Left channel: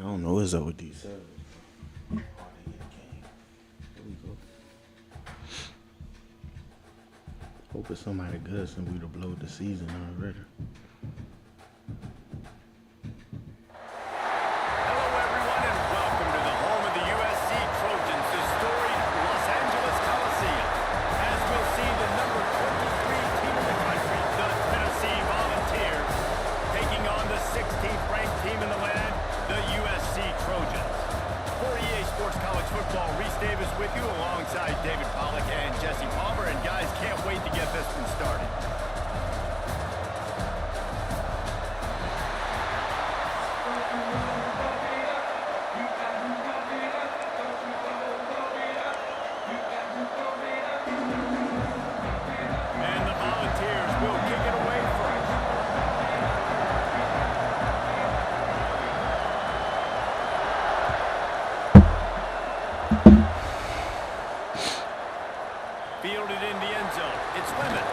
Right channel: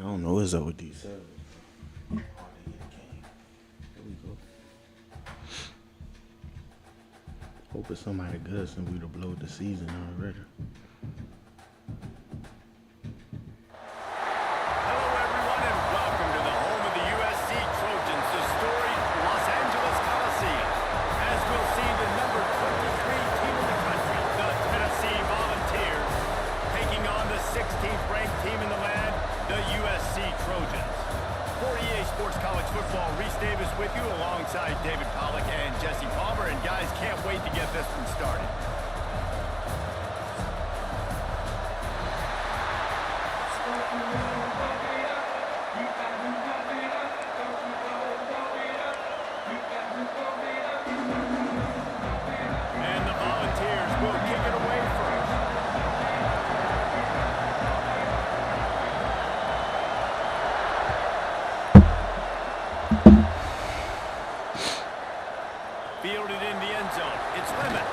I don't know what's up with these servers. Oh, they get a game. Here we go. Hope it's somebody good since we done blowed the season already. Hello, everyone, and welcome to the home of the USC Trojans, the storied Los Angeles Coliseum. As we'll see, the number 23 team in the country, the Tennessee Volunteers, taking on the 16th ranked team in the land, the USC Trojans. For EA Sports College Football, Reese Davis with you alongside David Pollack and Jesse Palmer. And guys, can't wait to get this one started. And the Volunteers will kick it away first. Fielded in the end zone. It's Lemon.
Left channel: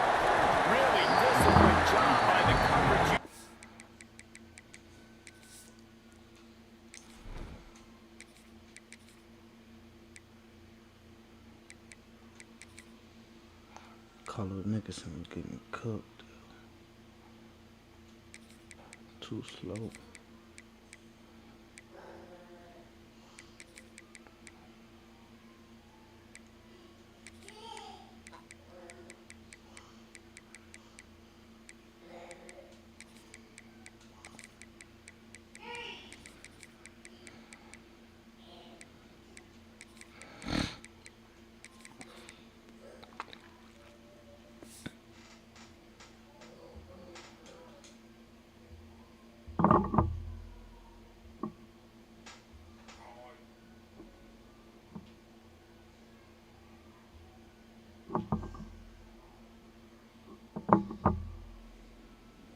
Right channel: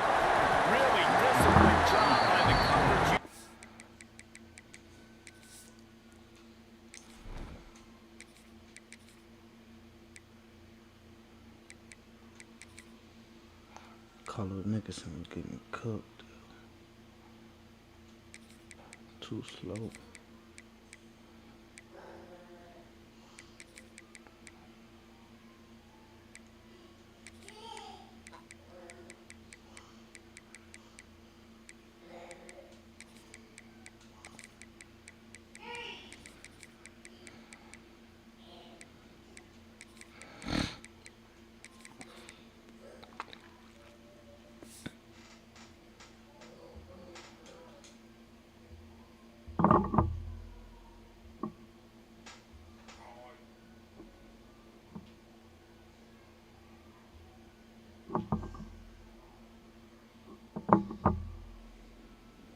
Really disciplined job by the coverage. Carlos Nicholson was getting cooked. Too slow.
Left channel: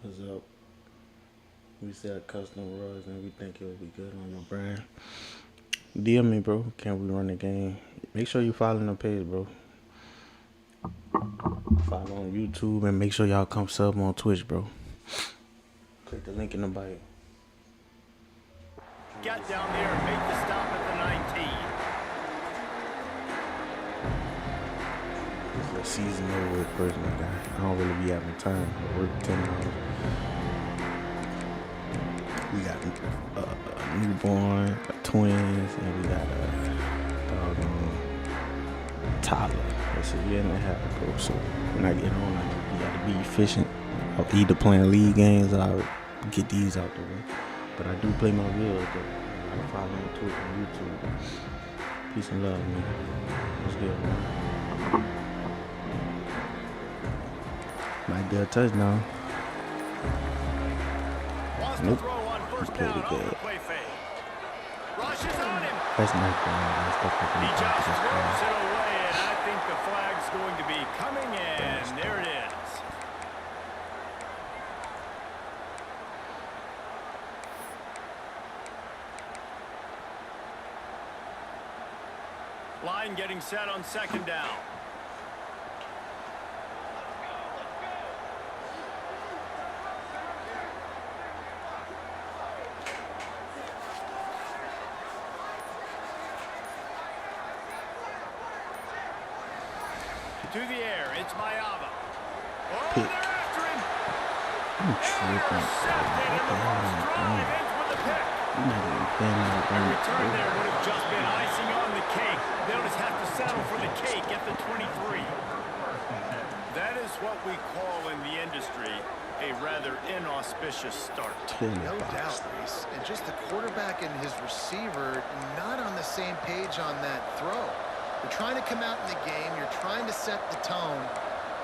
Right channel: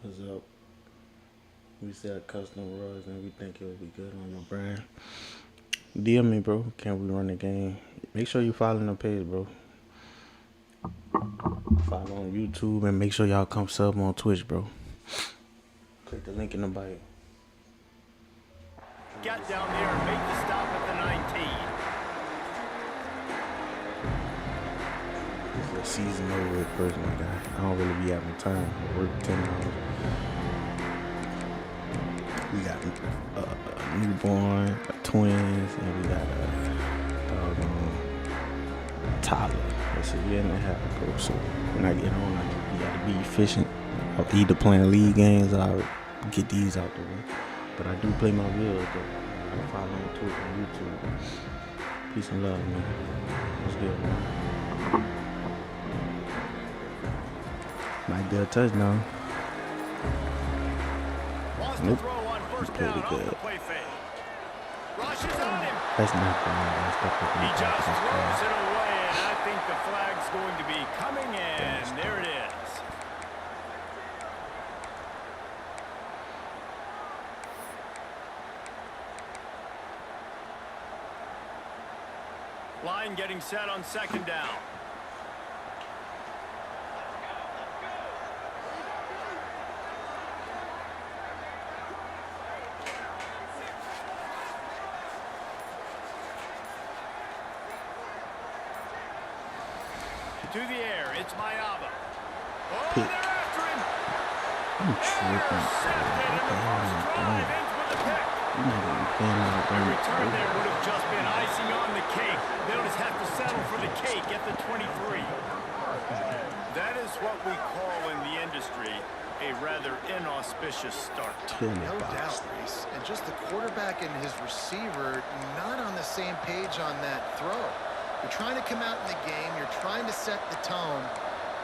What's up? We sell custom rugs and we think it will be good on your brand. DM me, bro. Can we run the game? Make sure you follow the page, bro. Follow on YouTube and make sure y'all come sub on Twitch, bro. Click the link in the bio. Got down there and make the stop at the 19. The season over with personal guy. I don't really be having time. I work 10 hours. We got a newborn, twins, and we got a toddler. That's a year and a half ago. So when I get home, you gotta be efficient. I'll either playing league games or I'll get these out the way. But I do play my videos though. I follow on Twitter and YouTube. Peace and love, man. What's good, man? Might be a touchdown. Nope. Pretty good. Rushes on him. That's not good. He just throws it away, and I think the flag's going to be coming in. There it is. Line getting set on second down. To the air, it's Mayava. Oh, Pick. they're after him. I'm tripping. Intercepted, and the first drive ends with a pick. You're not even playing that A game. return there would have just been icing on the cake. They'll just have to settle for the cake at the 23. That is what we call in the industry a rather inauspicious start. No doubt, Reese. And just the quarterback and his receiver not on the same page on that throw. You're trying to come out in the game. You're trying to set the tone.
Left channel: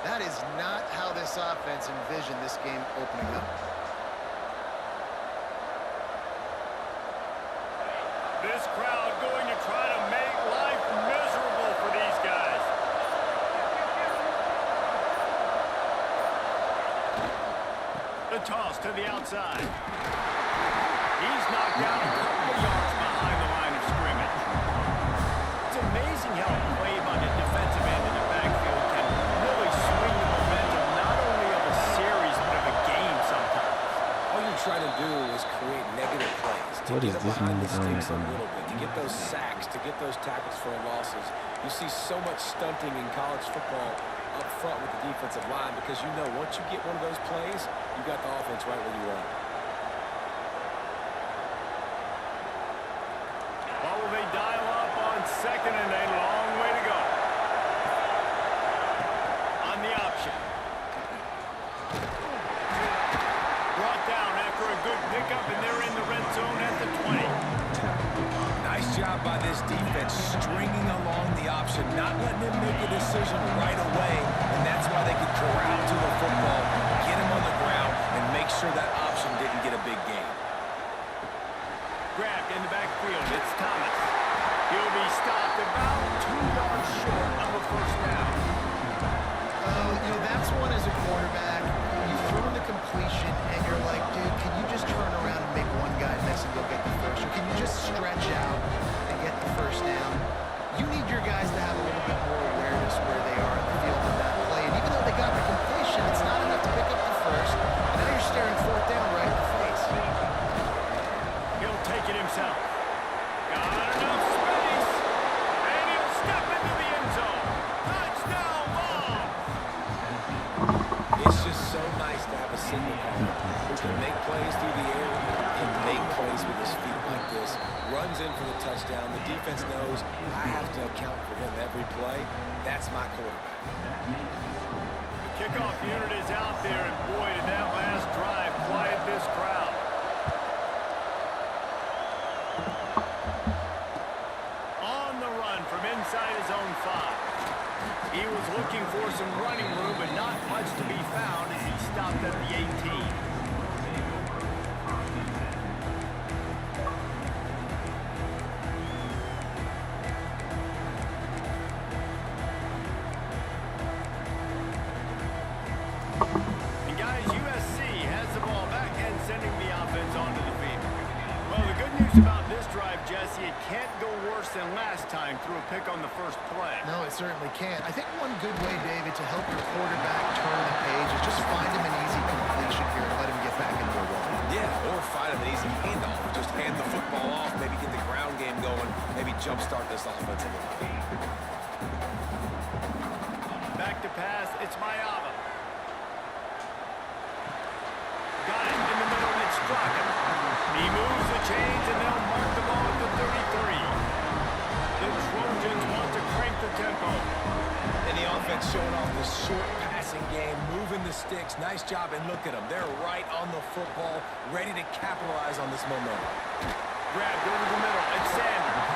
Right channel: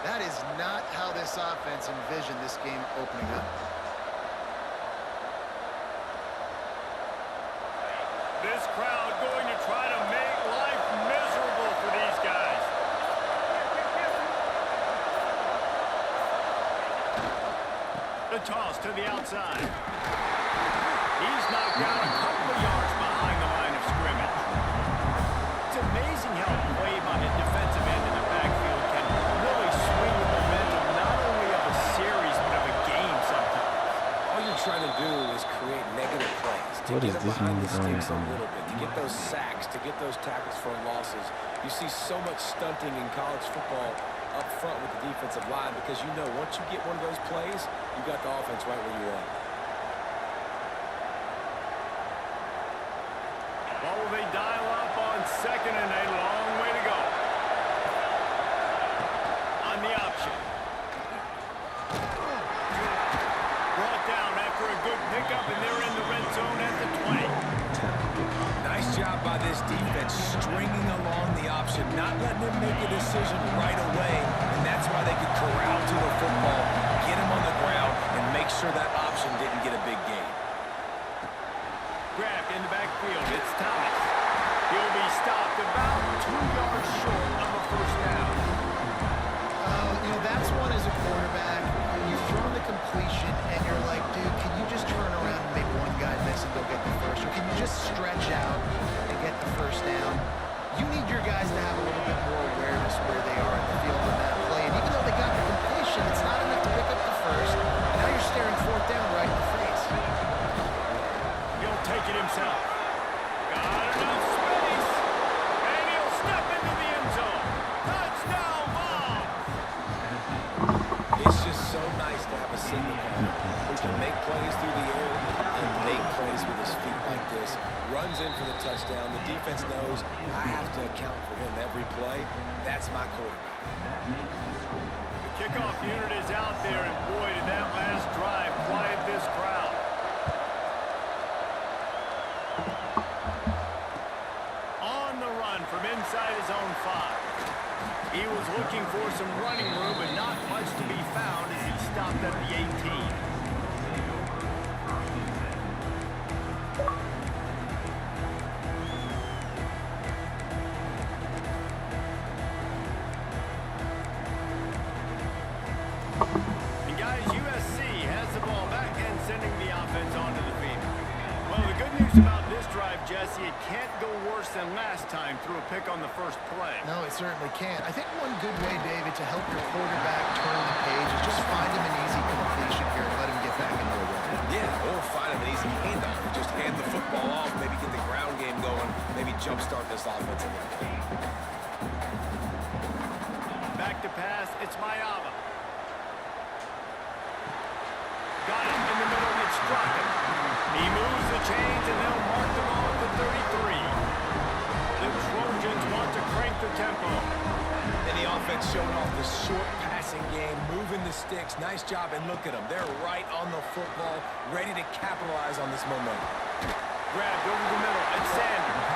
That is not how this offense envisioned this game opening up. This crowd going to try to make life miserable for these guys. The toss to the outside. He's knocked down a couple of yards behind the line of scrimmage. It's amazing how a play by the defensive end in the backfield can really swing the momentum not only of a series but of a game sometimes. all you're trying to do is create negative plays, to What get is them this behind the man doing sticks a on me? little bit, to get those sacks, to get those tackles for losses. You see so much stunting in college football up front with the defensive line because you know once you get one of those plays, you got the offense right where you want it. What will they dial up on second and a long way to go? On the option. Brought down after a good pickup, and they're in the red zone at the 20. Nice job by this defense stringing along the option, not letting him make a decision right away, and that's why they could corral to the football, get him on the ground, and make sure that option didn't get a big gain. Grabbed in the backfield. It's Thomas. He'll be stopped about 2 yards short of a first down. Oh, you know, that's one as a quarterback. You've thrown the completion, and you're like, dude, can you just turn around and make one guy miss and go get the first? Or can you just stretch out and get the first down? You need your guys to have a little bit more awareness where they are in the field in that play. And even though they got the completion, it's not enough to pick up the first. And now you're staring fourth down right in the face. He'll take it himself. Got enough space. And he'll step into the end zone. Touchdown ball. It's just so nice to have a signal caller who can make plays through the air and make plays with his feet like this. Runs in for the touchdown. The defense knows I have to account for him every play. That's my quarterback. The kickoff unit is out there, and boy, did that last drive quiet this crowd. On the run from inside his own 5. He was looking for some running room, but not much to be found as he stopped at the 18. And guys, USC has the ball back and sending the offense onto the field. Well, the good news about this drive, Jesse, it can't go worse than last time through a pick on the first play. No, it certainly can't. I think one good way, David, to help your quarterback turn the page is just find him an easy completion here and let him get back into a rhythm. Yeah, or find him an easy handoff. Just hand the football off, maybe get the ground game going, maybe jumpstart this offense a little bit. Back to pass, it's Mayava. Got it in the middle, it's Strachan. He moves the chains, and they'll mark the ball at the 33. The Trojans want to crank the tempo. And the offense showing off the short passing game, moving the sticks. Nice job, and look at them. They're right on the football, ready to capitalize on this momentum. Grabbed over the middle, it's Sanders.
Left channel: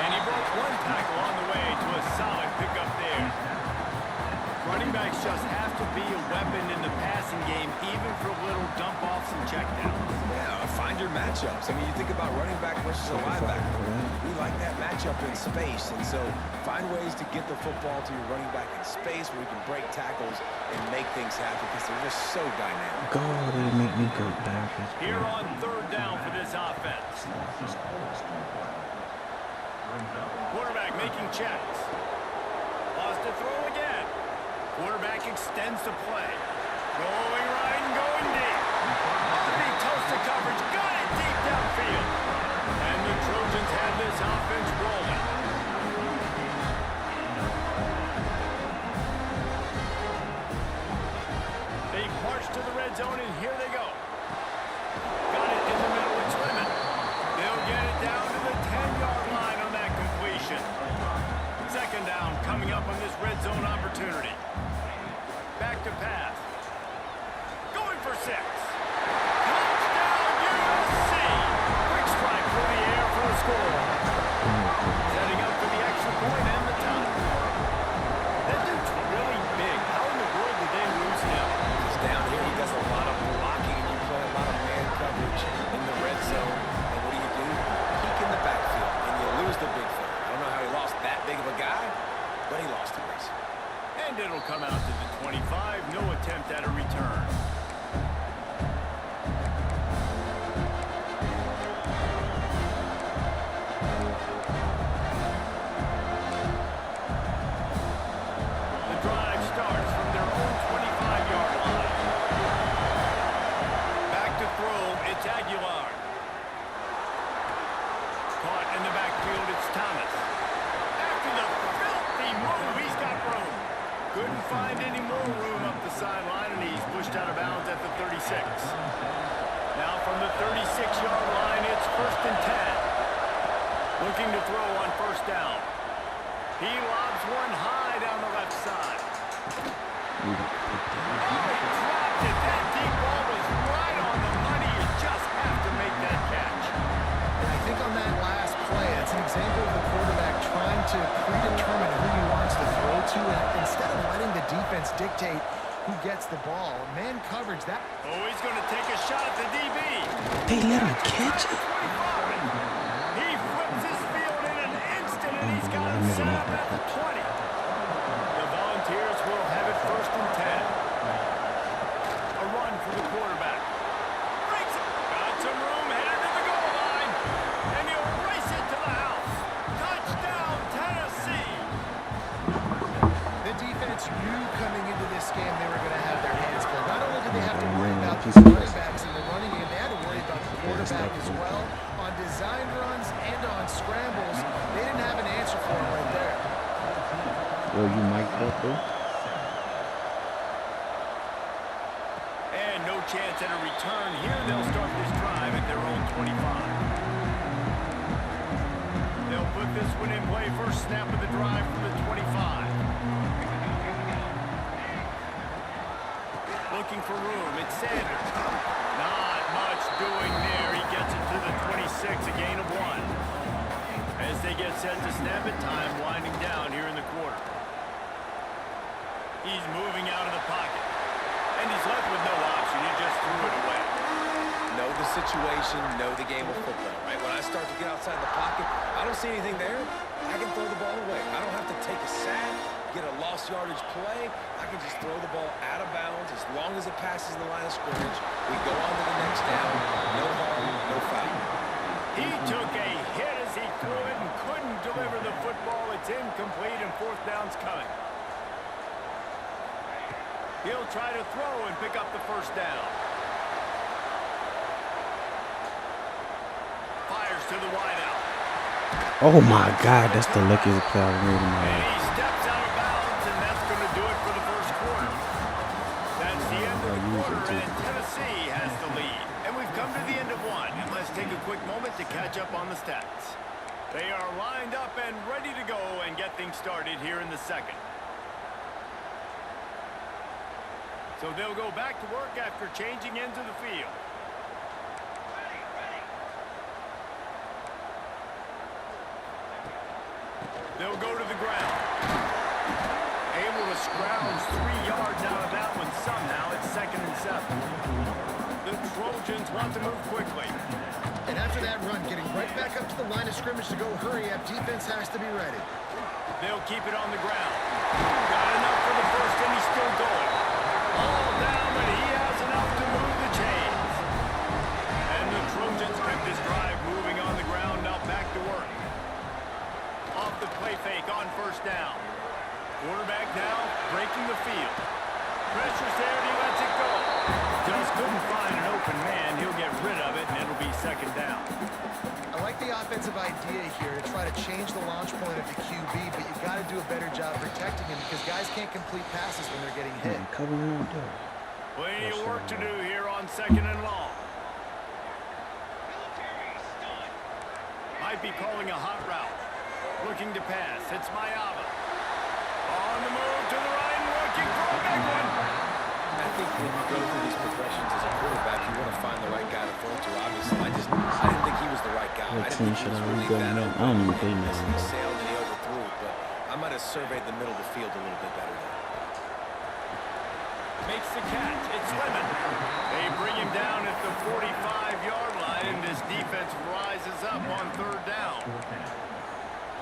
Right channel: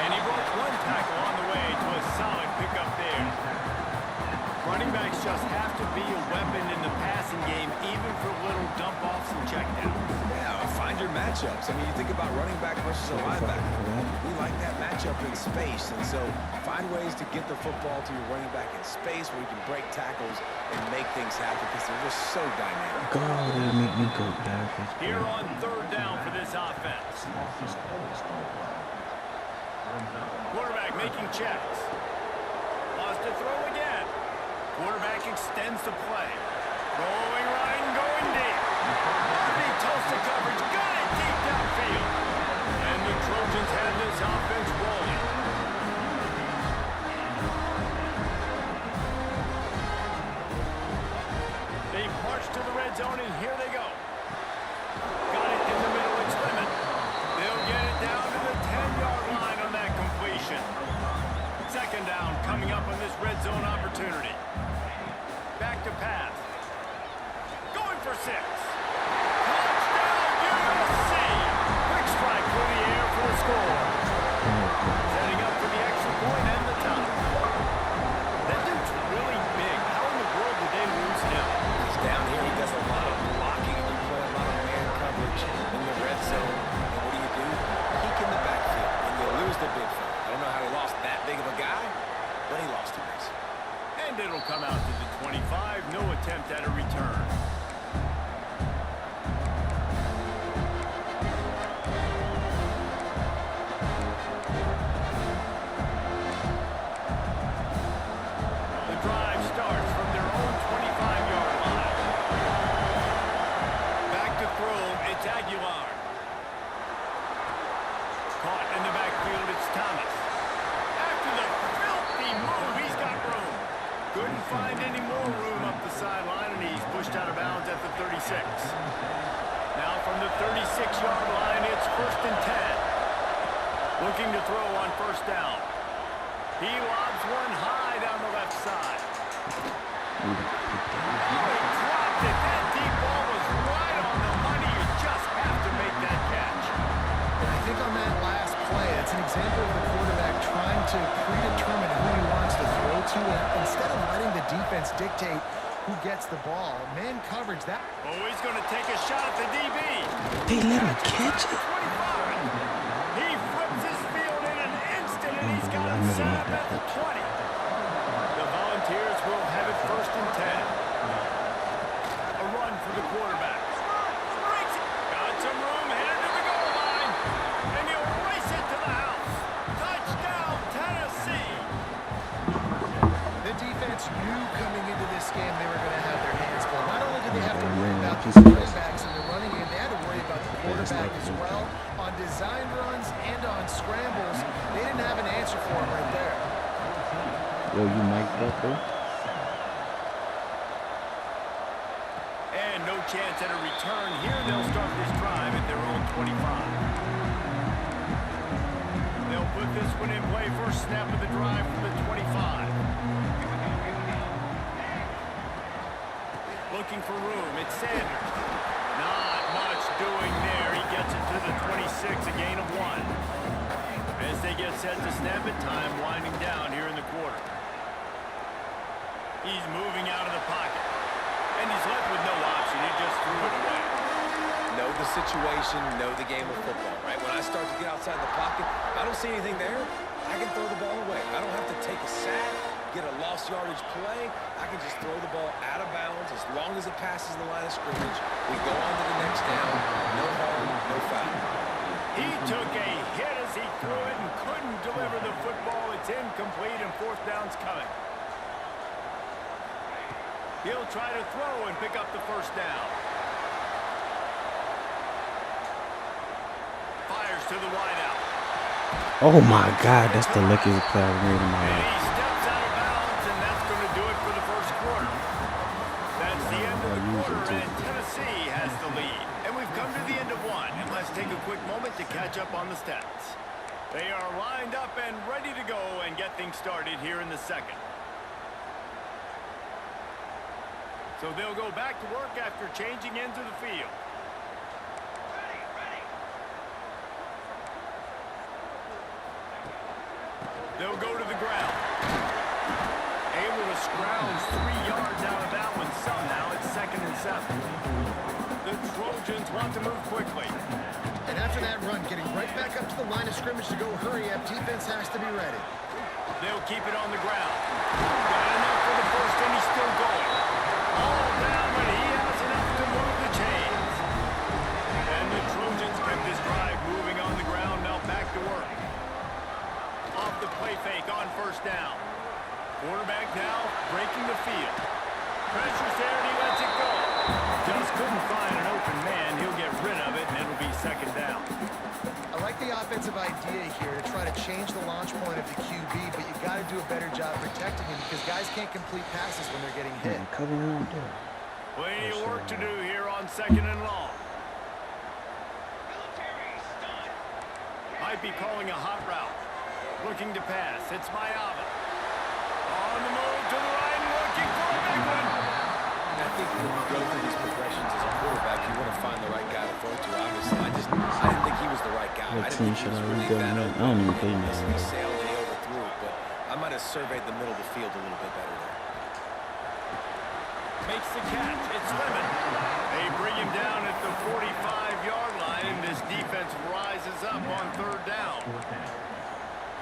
And he broke one tackle on the way to a solid pickup there. Running backs just have to be a weapon in the passing game, even for little dump-offs and checkdowns. Yeah, find your matchups. I mean, you think about running back versus a linebacker. We like that matchup in space, and so find ways to get the football to your running back in space where you can break tackles and make things happen because they're just so dynamic. God, it make me go backwards. Here on third down for this offense. Quarterback making checks. Lost to throw again. Quarterback extends the play. Throwing right and going deep. Bobby toasted coverage. Got it deep downfield. And the Trojans had this offense rolling. They march to the red zone, and here they go. Got it in the middle. It's Lemon. They'll get it down to the 10-yard line on that completion. Second down coming up on this red zone opportunity. Back to pass. Going for 6. Touchdown USC. Quick strike through the air for the score. Setting up for the extra point and the tie. That dude's really big. How in the world did they lose him? He's down here. He does a lot of blocking, and you play a lot of man coverage in the red zone. And what do? Peek in the backfield, and you lose the big fella. I don't know how he lost that big of a guy, but he lost the race. And it'll come out to the 25. No attempt at a return. The drive starts from their own 25-yard line. Back to throw Aguilar. Caught in the backfield, it's Thomas. After the filthy move, he's got room. Couldn't find any more room up the sideline, and he's pushed out of bounds at the 36. Now from the 36-yard line, it's 1st and 10. Looking to throw on 1st down. He lobs one high down the left side. Oh, he dropped it. That deep ball was right on the money. You just have to make that catch. And I think on that last play, it's an example of the quarterback trying to predetermine who he wants to throw to, and instead of letting the defense dictate who gets the ball. Man coverage that. Oh, he's going to take a shot at the DB. They let him catch it. 25. He flips his field in an instant, and he's got him set up at the 20. The Volunteers will have it 1st and 10. A run for the quarterback. Breaks it. Got some room, headed to the goal line. And he'll race it to the house. Touchdown, Tennessee. The defense knew coming into this game they were going to have their hands full. Not only did they have to worry about the running backs in the running game, they had to worry about the quarterback as well. On designed runs and on scrambles, they didn't have an answer for him right there. Yo, you mic'd up, bro? And no chance at a return here. They'll start this drive at their own 25. They'll put this one in play. First snap of the drive from the 25. Looking for room. It's Sanders. Not much doing there. He gets it to the 26, a gain of 1. As they get set to snap it, time winding down here in the quarter. He's moving out of the pocket. And he's left with no option. He just threw it away. Know the situation, know the game of football, right? When I start to get outside the pocket, I don't see anything there. I can throw the ball away. I don't have to take a sack, get a lost yardage play. I can just throw the ball out of bounds as long as it passes the line of scrimmage. We go on to the next down. No harm, no foul. He took a hit as he threw it and couldn't deliver the football. It's incomplete, and 4th down's coming. He'll try to throw and pick up the 1st down. Fires to the wideout. Oh my God, that's the luckiest play I've made in my And life. he steps out of bounds, and that's going to do it for the 1st quarter. That's the end of the quarter, and Tennessee has the lead. And we've come to the end of 1, and let's take a quick moment to catch up on the stats. They are lined up and ready to go and get things started here in the 2nd. So they'll go back to work after changing into the field. They'll go to the ground. Able to scrounge 3 yards out of that one somehow. It's 2nd and 7. The Trojans want to move quickly. And after that run, getting right back up to the line of scrimmage to go hurry up, defense has to be ready. They'll keep it on the ground. Got enough for the 1st, and he's still going. All down, but he has enough to move the chains. And the Trojans kept this drive moving on the ground. Now back to work. Off the play fake on 1st down. Quarterback now breaking the field. Pressure's there, and he lets it go. Just couldn't find an open man. He'll get rid of it, and it'll be 2nd down. I like the offensive idea here to try to change the launch point of the QB, but you got to do a better job protecting him because guys can't complete passes when they're getting hit. Covering out there. Plenty of work to do here on 2nd and long. Might be calling a hot route. Looking to pass. It's Mayava. On the move to the right and looking for a big one. I think when you go through these progressions as a quarterback, you want to find the right guy to throw to. Obviously, I didn't think he was the right guy. I didn't think he was really that open. I don't even think He sailed and he overthrew it, but I might have surveyed the middle of the field a little bit better there. Makes the catch. It's Lemon. They bring him down at the 45-yard line, and this defense rises up on 3rd down.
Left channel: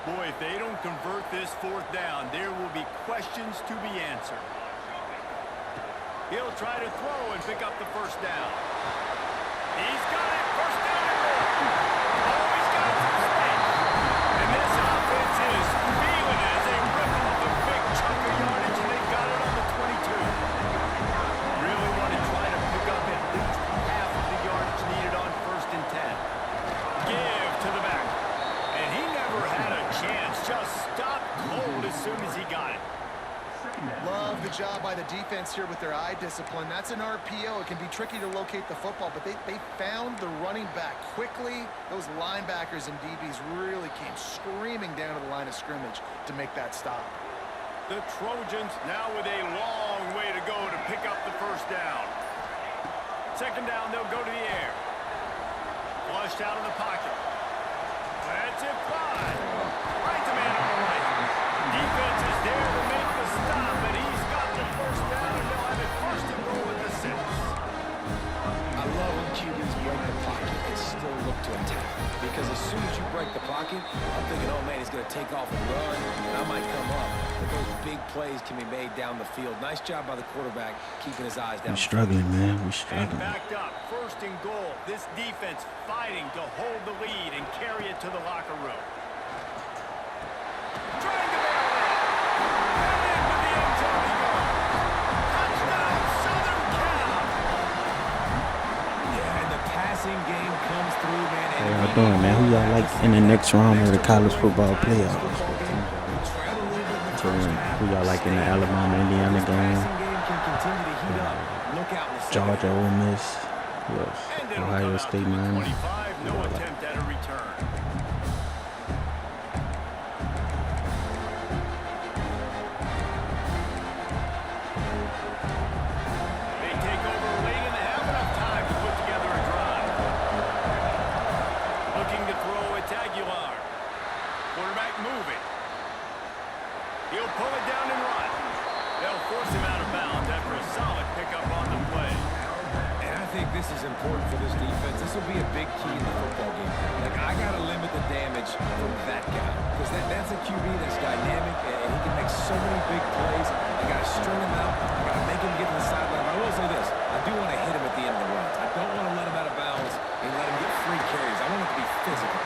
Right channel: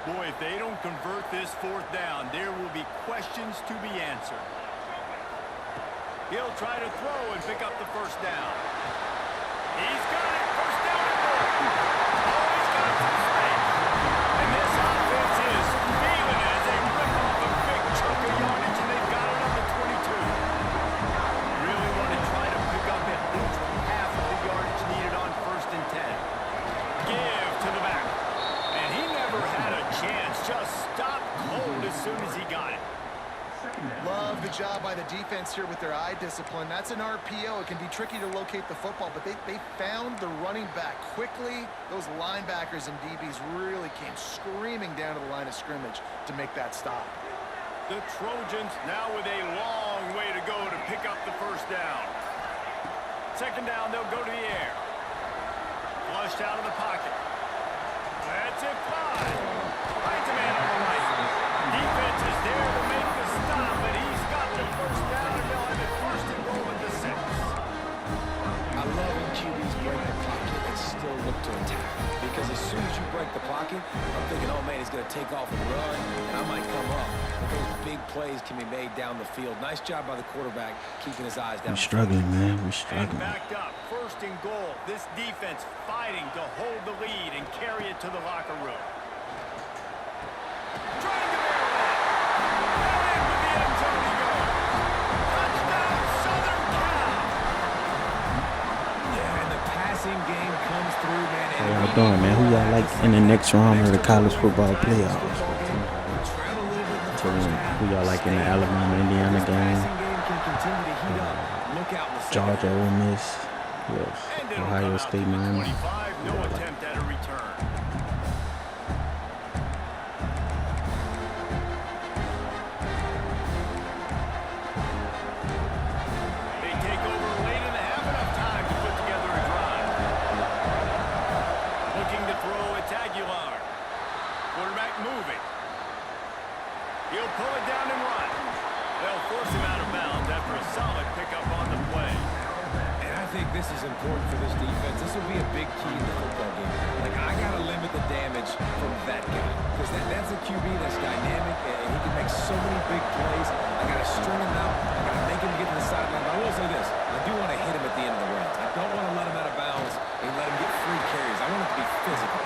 Boy, if they don't convert this 4th down, there will be questions to be answered. He'll try to throw and pick up the 1st down. He's got it. 1st down and more. Oh, he's got some space. And this offense is feeling it as they rip off a big chunk of yardage, and they've got it on the 22. Really want to try to pick up at least half of the yardage needed on 1st 1st and 10. Give to the back. And he never had a chance. Just stopped cold as soon as he got it. Love the job by the defense here with their eye discipline. That's an RPO. It can be tricky to locate the football, but they found the running back quickly. Those linebackers and DBs really came screaming down to the line of scrimmage to make that stop. The Trojans now with a long way to go to pick up the 1st down. 2nd down, they'll go to the air. Flushed out of the pocket. Lets it fly. Right to man on the right. Defense is there to make the stop, but he's got the 1st down, and they'll have it 1st and goal at the 6. I love when QBs break the pocket and still look to attack. Because as soon as you break the pocket, I'm thinking, oh man, he's going to take off and run, and I might come up. But those big plays can be made down the field. Nice job by the quarterback keeping his eyes down. We're struggling, man. We're struggling. And backed up, 1st and goal. This defense fighting to hold the lead and carry it to the locker room. Trying to barrel in. And into the end zone he goes. Touchdown, Southern Cal. Yeah, and the passing game comes through, man. How y'all doing, man? Who y'all like in the next round of the college football playoffs? Who y'all like in the Alabama-Indiana game? Georgia, Ole Miss, yes. Ohio State, Miami. 25, no attempt at a return. They take over late in the half, enough time to put together a drive. Looking to throw, it's Aguilar. Quarterback moving. He'll pull it down and run. They'll force him out of bounds after a solid pickup on the play. And I think this is important for this defense. This will be a big key in the football game. Like, I got to limit the damage from that guy. Because that's a QB that's dynamic, and he can make so many big plays. I got to string him out. I got to make him get to the sideline. But I will say this. I do want to hit him at the end of the runs. I don't want to let him out of bounds and let him get free carries. I want it to be physical.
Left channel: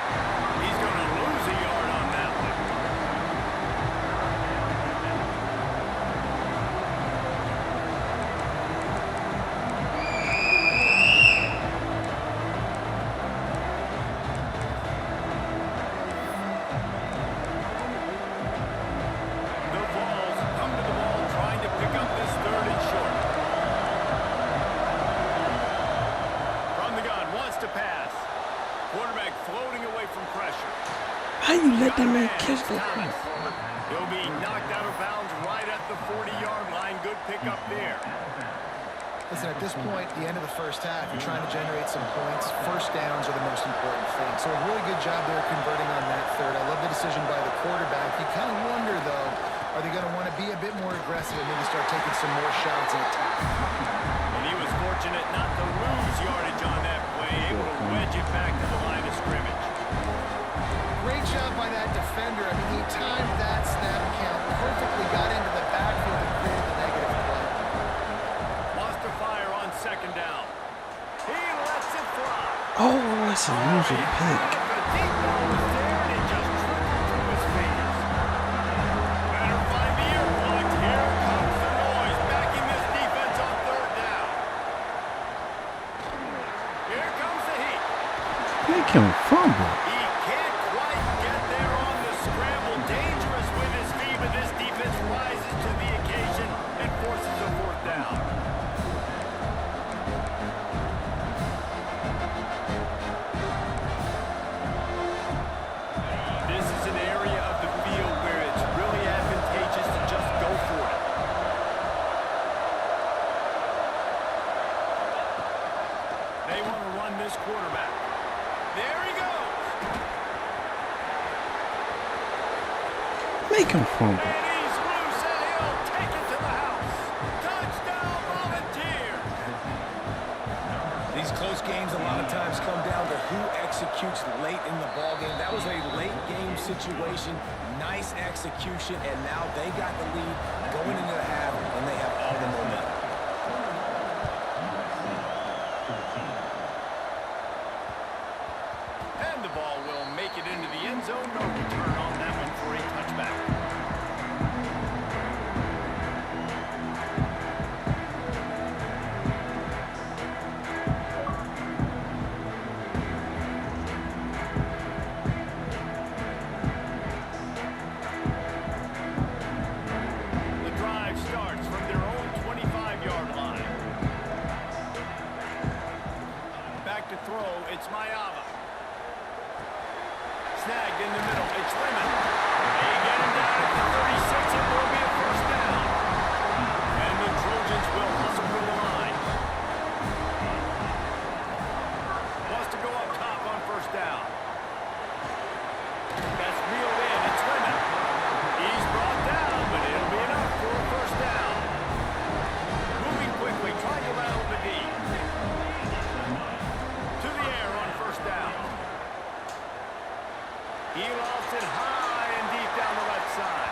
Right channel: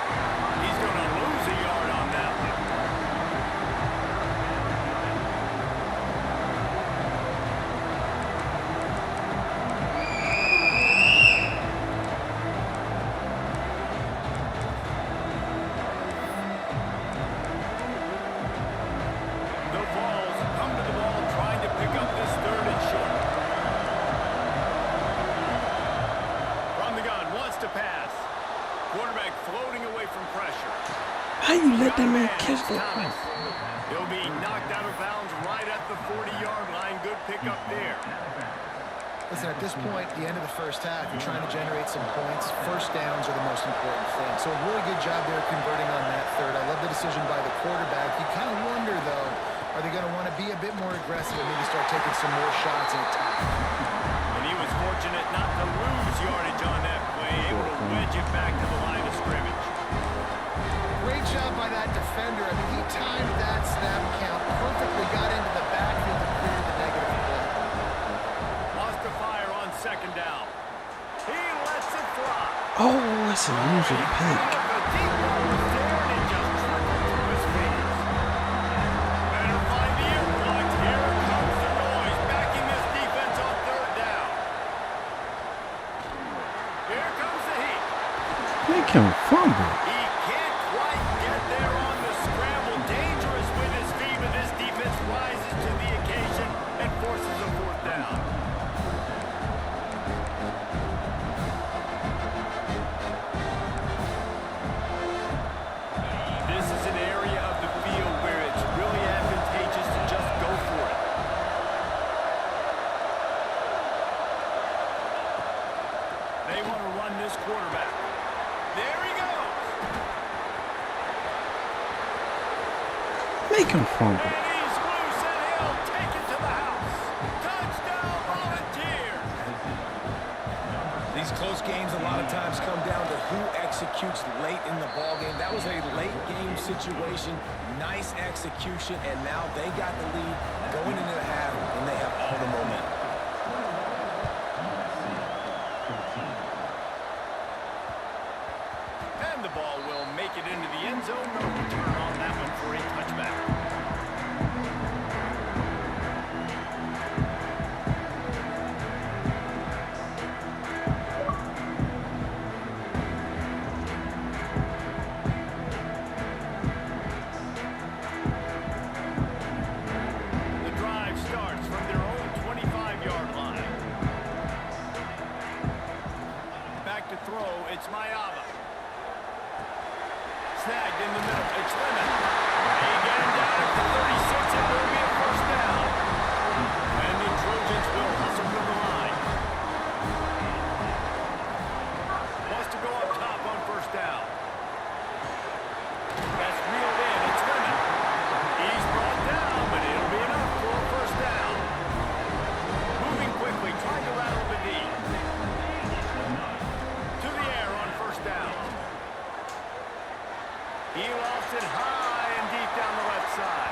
He's going to lose a yard on that one. To pass. Quarterback floating away from pressure. How you let that man catch that pass? He'll be knocked out of bounds right at the 40-yard line. Good pickup there. Listen, at this point, the end of the 1st half, you're trying to generate some points. 1st downs are the most important thing. So a really good job there converting on that 3rd. I love the decision by the quarterback. You kind of wonder, though, are they going to want to be a bit more aggressive and maybe start taking some more shots and attack? And he was fortunate not to lose yardage on that play, able to wedge it back to the line of scrimmage. Great job by that defender. I mean, he timed that snap count perfectly, got into the backfield and created the negative play. Wants to fire on 2nd down. He lets it fly. Oh, that's a usual pick. The deep ball was there and it just trickled through his fingers. Better find the earplug. Here comes the noise, backing this defense on 3rd down. Here comes the heat. Make him fumble. He can't quite get there on the scramble. Dangerous with his feet, but this defense rises to the occasion and forces a 4th down. This is an area of the field where it's really advantageous to just go for it. They want to run this quarterback. There he goes. Make him fumble. And he's loose and he'll take it to the house. Touchdown, Volunteers. These close games a lot of times come down to who executes late in the ball game. That was a late game situation. Nice execution, and now they got the lead going into the half, and they have all the momentum. And the ball will make it into the end zone. No return on that one for a touchback. Snagged in the middle. It's Lemon. They get him down at the 36. It will be a first down. And the Trojans will hustle from the line. Wants to go up top on first down. That's reeled in. It's Lemon. He's brought down, but it'll be enough for a first down. Moving quickly, trying to rattle the D. To the air on first down. He lost it high and deep down the left side.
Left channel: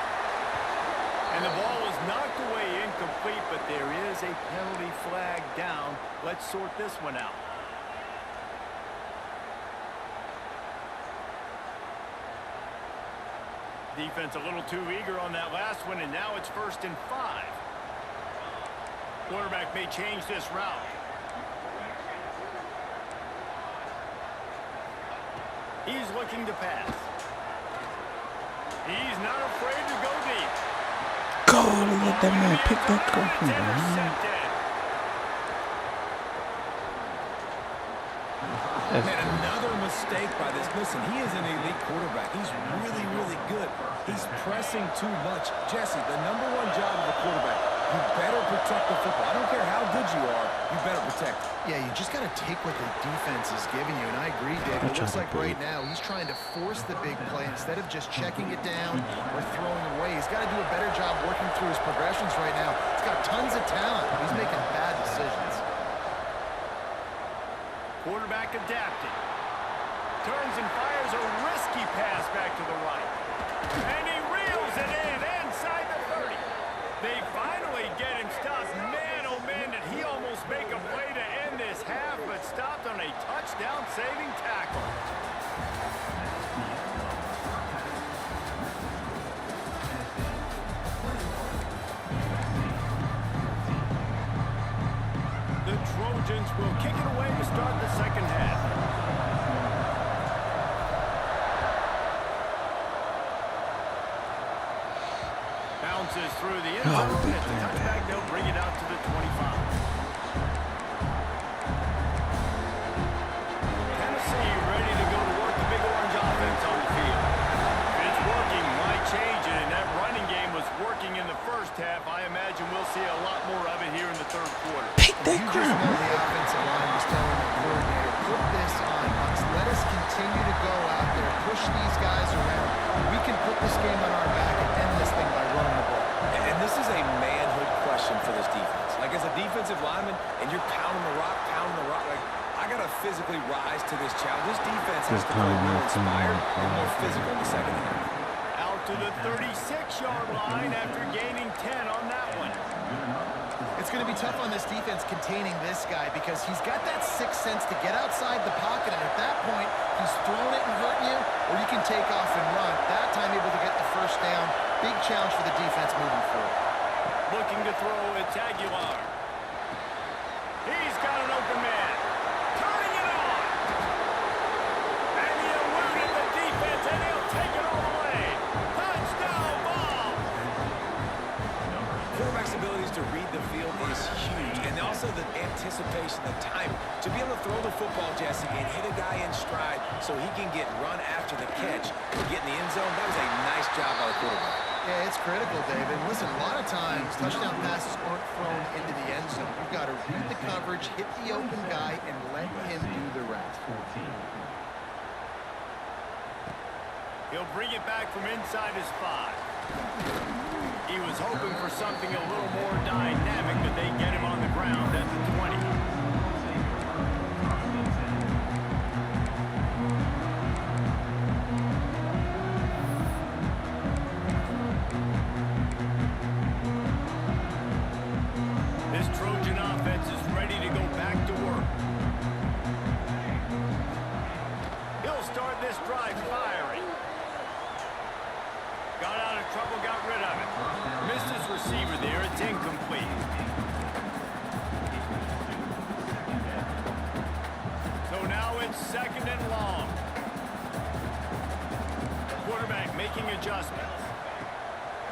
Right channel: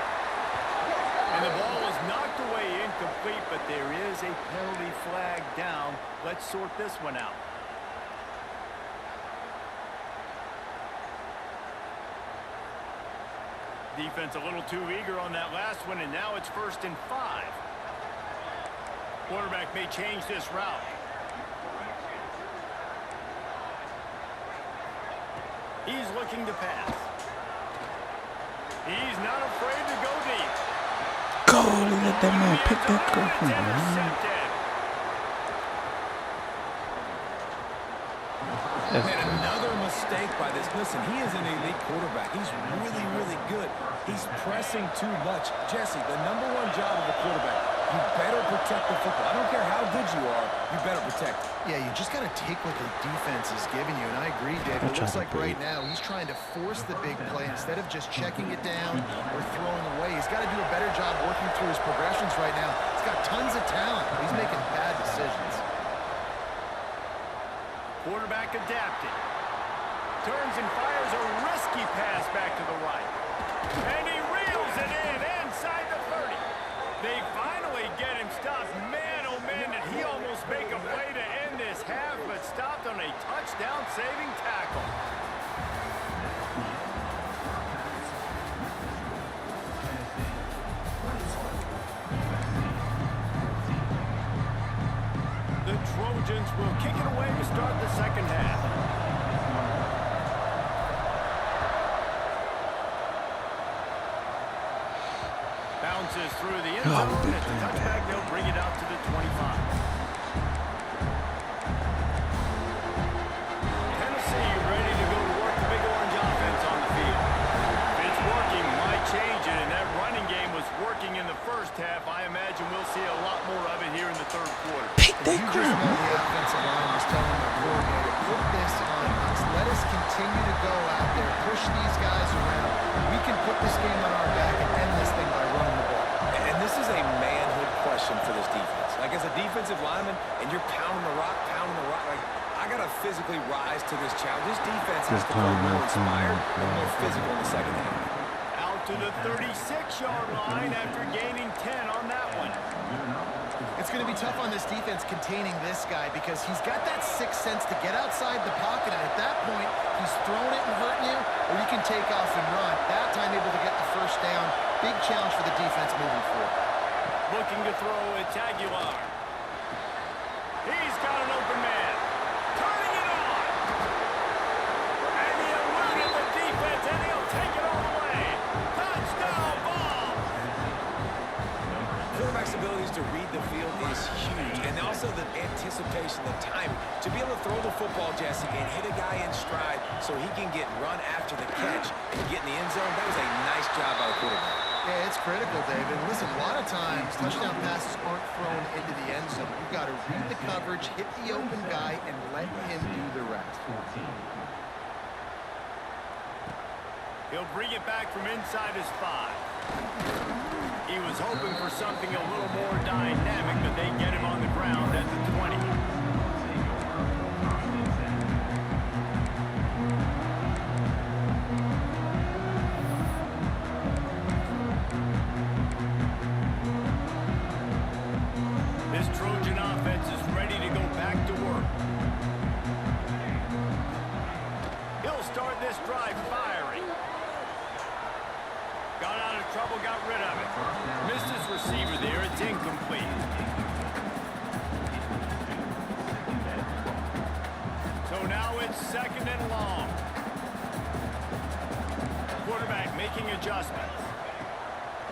And the ball was knocked away incomplete, but there is a penalty flag down. Let's sort this one out. Defense a little too eager on that last one, and now it's 1st and 5. Quarterback may change this route. He's looking to pass. He's not afraid to go deep. Golly, let that man pick that crap up, man. And another mistake by this. Listen, he is an elite quarterback. He's really, really good. He's pressing too much. Jesse, the #1 job of a quarterback, you better protect the football. I don't care how good you are, you better protect it. Yeah, you just got to take what the defense is giving you, and I agree, Dave. It looks like right now he's trying to force the big play instead of just checking it down or throwing away. He's got to do a better job working through his progressions right now. He's got tons of talent, but he's making bad decisions. Quarterback adapting. Turns and fires a risky pass back to the right. And he reels it in inside the 30. They finally get him stopped. Man, oh man, did he almost make a play to end this half, but stopped on a touchdown-saving tackle. The Trojans will kick it away to start the second half. Bounces through the end zone. It's a touchback. They'll bring it out to the 25. Tennessee ready to go to work the Big Orange offense on the field. If it's working, why change it? And that running game was working in the first half. I imagine we'll see a lot more of it here in the third quarter. Pick that You crap. just know the offensive line was telling the coordinator, put this on us. Let us continue to go out there, push these guys around. We can put this game on our back and end this thing by running the ball. And this is a manhood question for this defense. Like, as a defensive lineman, and you're pounding the rock, like, I got to physically rise to this challenge. This defense has to play more inspired and more physical in the second half. Out to the 36-yard line after gaining 10 on that one. It's going to be tough on this defense containing this guy because he's got that sixth sense to get outside the pocket, and at that point, he's throwing it and hurting you, or you can take off and run. That time able to get the first down. Big challenge for the defense moving forward. Looking to throw, it's Aguilar. He's got an open man. Turning it on. And he eluded the defense, and he'll take it all the way. Touchdown ball. Quarterback's abilities to read the field is huge, and also the anticipation, the timing. To be able to throw the football, Jesse, and hit a guy in stride so he can get run after the catch and get in the end zone, that was a nice job by the quarterback. Yeah, it's critical, David. Listen, a lot of times, touchdown passes aren't thrown into the end zone. You've got to read the coverage, hit the open guy, and let him do the rest. He'll bring it back from inside his 5. He was hoping for something a little more dynamic, but they get him on the ground at the 20. This Trojan offense is ready to go back to work. He'll start this drive firing. Got out of trouble, got rid of it. Missed his receiver there, it's incomplete. So now it's 2nd and long. Quarterback making adjustments.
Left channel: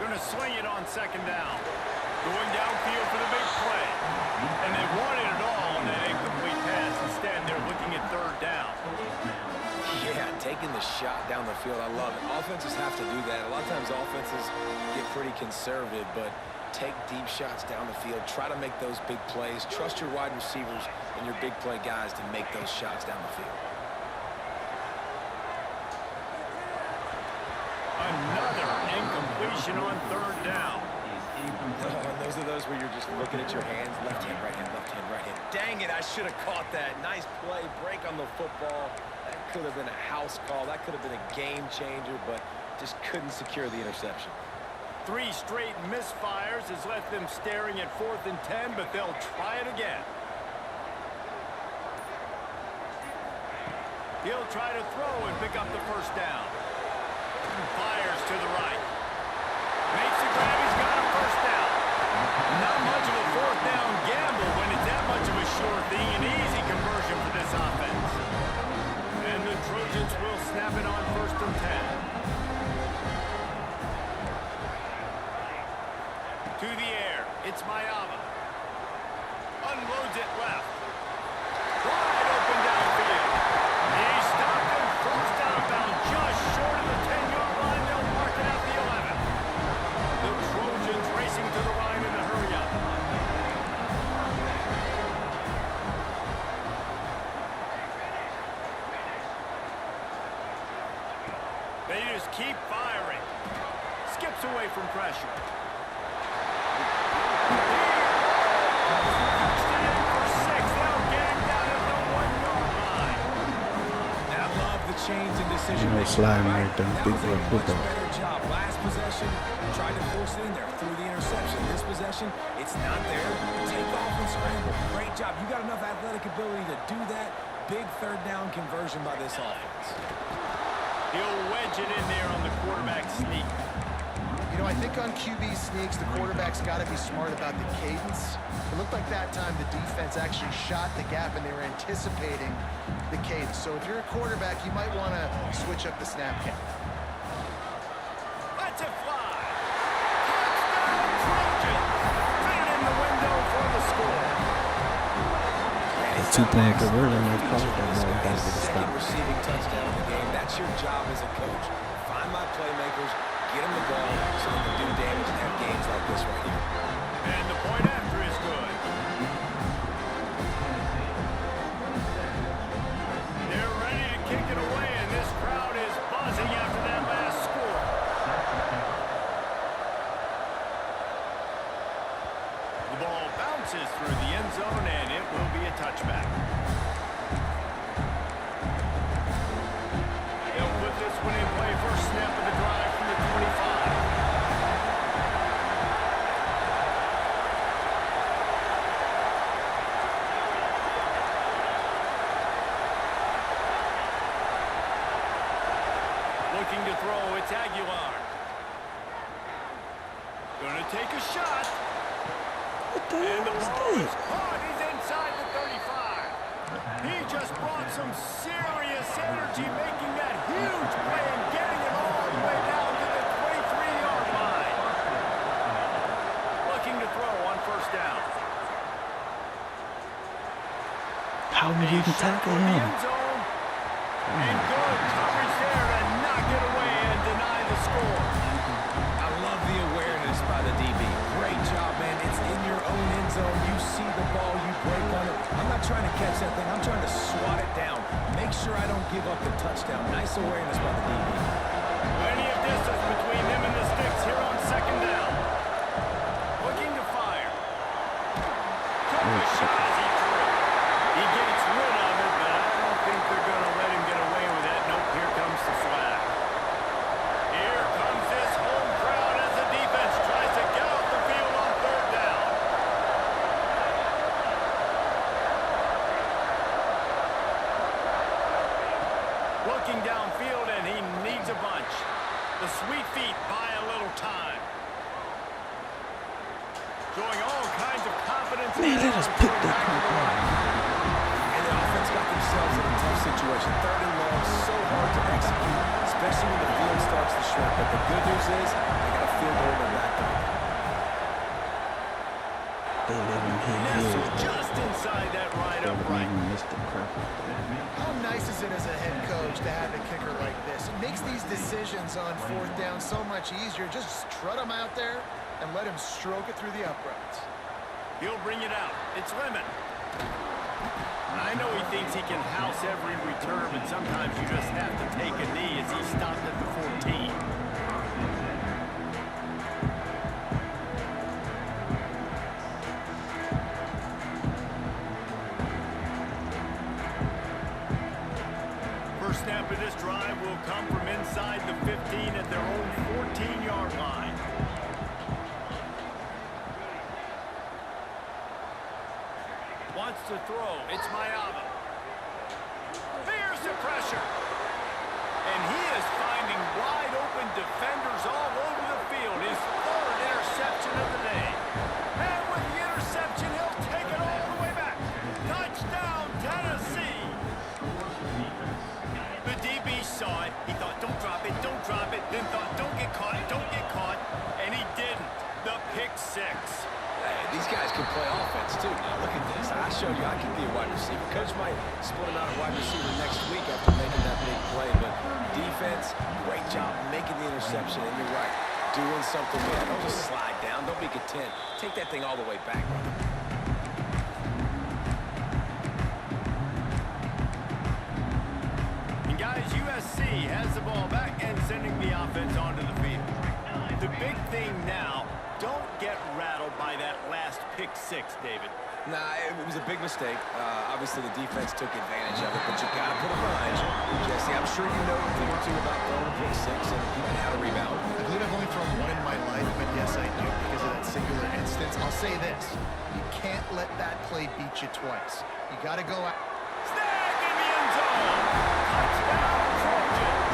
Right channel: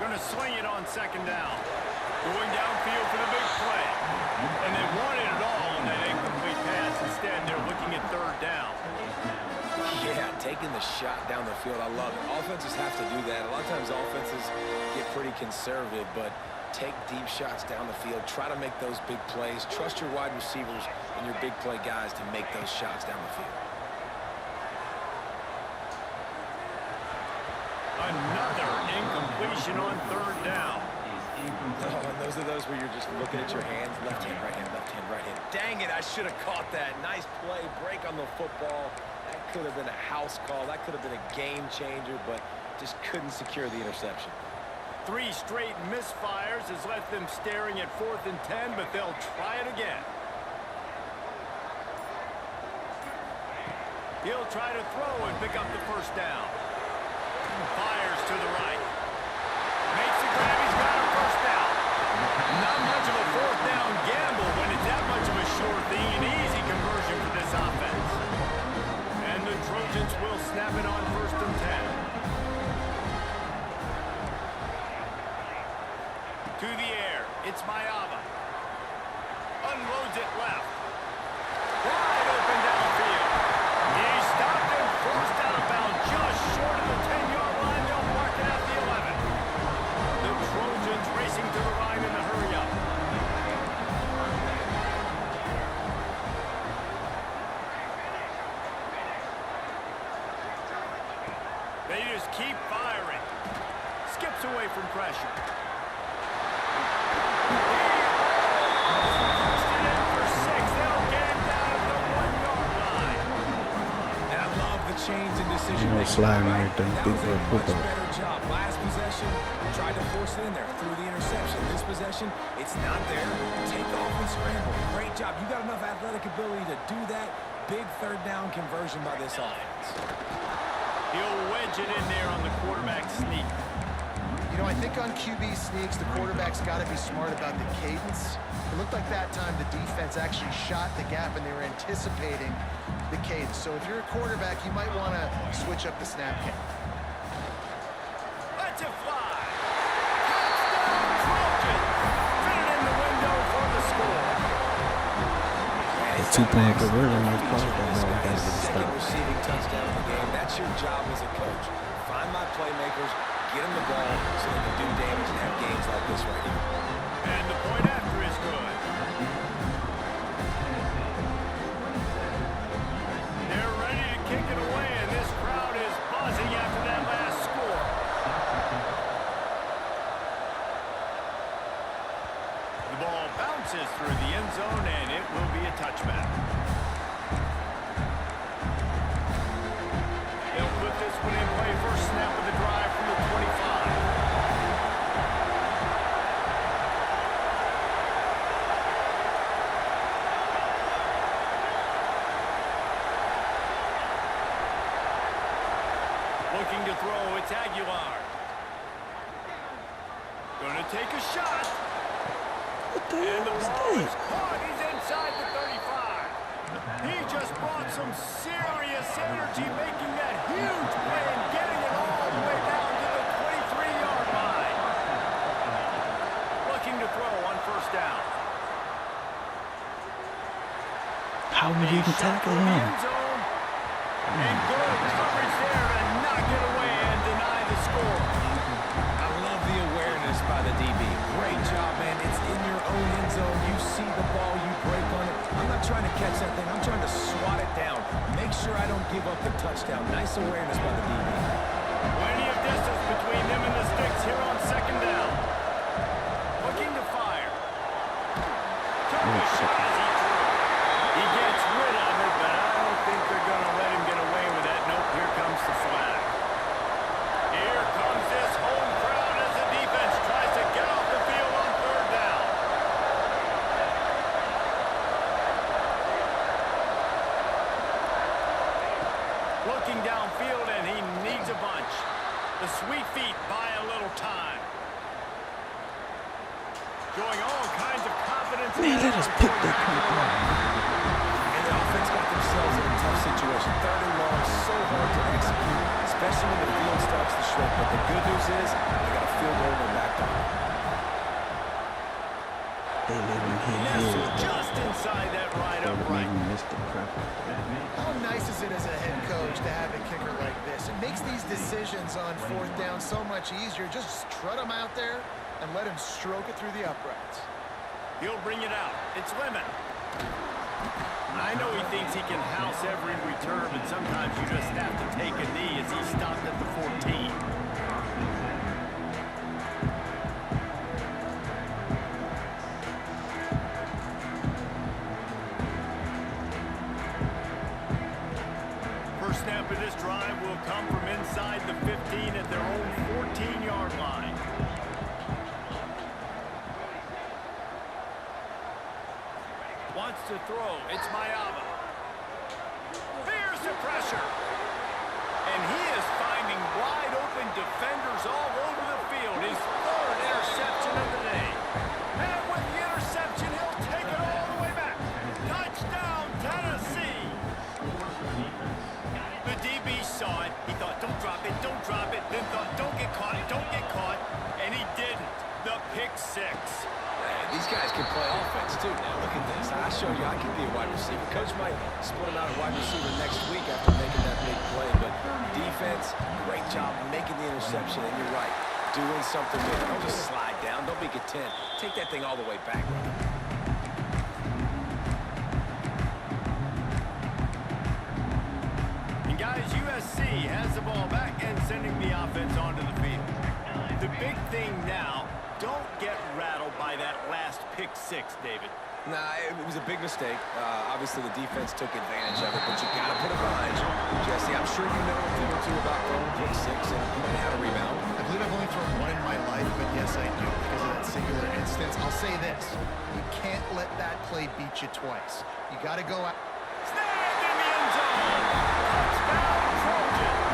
Gonna sling it on 2nd down. Going downfield for the big play. And they wanted it all on that incomplete pass. Instead, they're looking at 3rd down. Yeah, taking the shot down the field, I love it. Offenses have to do that. A lot of times offenses get pretty conservative, but take deep shots down the field. Try to make those big plays. Trust your wide receivers and your big play guys to make those shots down the field. Another incompletion on third down. Oh, and those are those where you're just looking at your hands. Left hand, right hand, left hand, right hand. Dang it, I should have caught that. Nice play, break on the football. That could have been a house call. That could have been a game changer, but just couldn't secure the interception. 3 straight misfires has left them staring at 4th and 10, but they'll try it again. He'll try to throw and pick up the first down. Fires to the right. Makes the grab. He's got a first down. Not much of a 4th down gamble when it's that much of a sure thing. An easy conversion for this offense. And the Trojans will snap it on 1st and 10. To the air. It's Mayava. Unloads it left. Wide open downfield. He stopped and forced out of bounds just short of the 10-yard line. They'll mark it at the 11. The Trojans racing to the line in a hurry-up. They just keep firing. Skips away from pressure. He punched it in for 6. They'll get him down at the 1-yard line. I love the change in decision. Sliding right there. That Big was for a a much football. better job. Last possession, tried to force it in there through the interception. This possession, it's not there. Take off and scramble. Great job. You got enough athletic ability to do that. Big 3rd down conversion by this offense. He'll wedge it in there on the quarterback sneak. You know, I think on QB sneaks, the quarterback's got to be smart about the cadence. It looked like that time the defense actually shot the gap and they were anticipating the cadence. So if you're a quarterback, you might want to switch up the snap count. Let's it fly. Touchdown Trojans. Fit it in the window for the score. A 2-point conversion might cost that ball. You gotta get a Second stop. receiving touchdown of the game. That's your job as a coach. Find my playmakers, get them the ball so they can do damage and have games like this right here. And the point after is good. They're ready to kick it away, and this crowd is buzzing after that last score. The ball bounces through the end zone, and it will be a touchback. They'll put this one in play. First snap of the drive from the 25. Looking to throw, it's Aguilar. Gonna take a shot. What the And the hell ball is is that? caught. He's inside the 35. He just brought some serious energy, making that huge play and getting it all the way down to the 23-yard line. Looking to throw on 1st down. How did he even tackle For the him? end zone. And good coverage there to knock it away and deny the score. I love the awareness by the DB. Great job, man. It's in your own end zone. You see the ball, you break on it. I'm not trying to catch that thing. I'm trying to swat it down. Make sure I don't give up the touchdown. Nice awareness by the DB. Plenty of distance between him and the sticks here on 2nd down. Looking to fire. Took a shot as he threw. He gets rid of it, but I don't think they're going to let him get away with that. Nope, here comes the flag. Here comes this home crowd as the defense tries to get off the field on 3rd down. Looking downfield, and he needs a bunch. The sweet feet buy a little time. Showing all kinds of confidence. Man, let us pick that crap up. And the offense got themselves in a tough situation. 3rd and long, so hard to execute, especially when the field starts to shrink. But the good news is they got a field goal in their back pocket. They let him hit Nestled his. just inside that right They upright. missed the crap out there. How nice is it as a head coach to have a kicker like this? It makes these decisions on fourth down so much easier. Just strut him out there and let him stroke it through the uprights. He'll bring it out. It's Lemon. I know he thinks he can house every return, but sometimes you just have to take a knee as he stopped at the 14. First snap of this drive will come from inside the 15 at their own 14-yard line. Wants to throw. It's Mayava. Here's the pressure. And he is finding wide open defenders all over the field. His third interception of the day. And with the interception, he'll take it all the way back. Touchdown, Tennessee. The DB saw it. He thought, don't drop it, don't drop it. Then thought, don't get caught. And he didn't. The pick six. Hey, these guys can play offense, too. Now, look at this. I showed you I can be a wide receiver. Coach might split him out at wide receiver next week after making that big play. But defense, great job making the interception. And you're right, doing something there. Don't just slide down. Don't be content. Take that thing all the way back, brother. And guys, USC has the ball back and sending the offense onto the field. The big thing now, don't get rattled by that last pick six, David. Nah, it was a big mistake. Obviously, the defense took advantage of it, but you got to put it behind you. Jesse, I'm sure you know a thing or two about throwing a pick six and how to rebound. I believe I've only thrown one in my life, but yes, I do because of that singular instance. I'll say this. You can't let that play beat you twice. You got to go out. Snagged in the end zone. Touchdown, Trojans.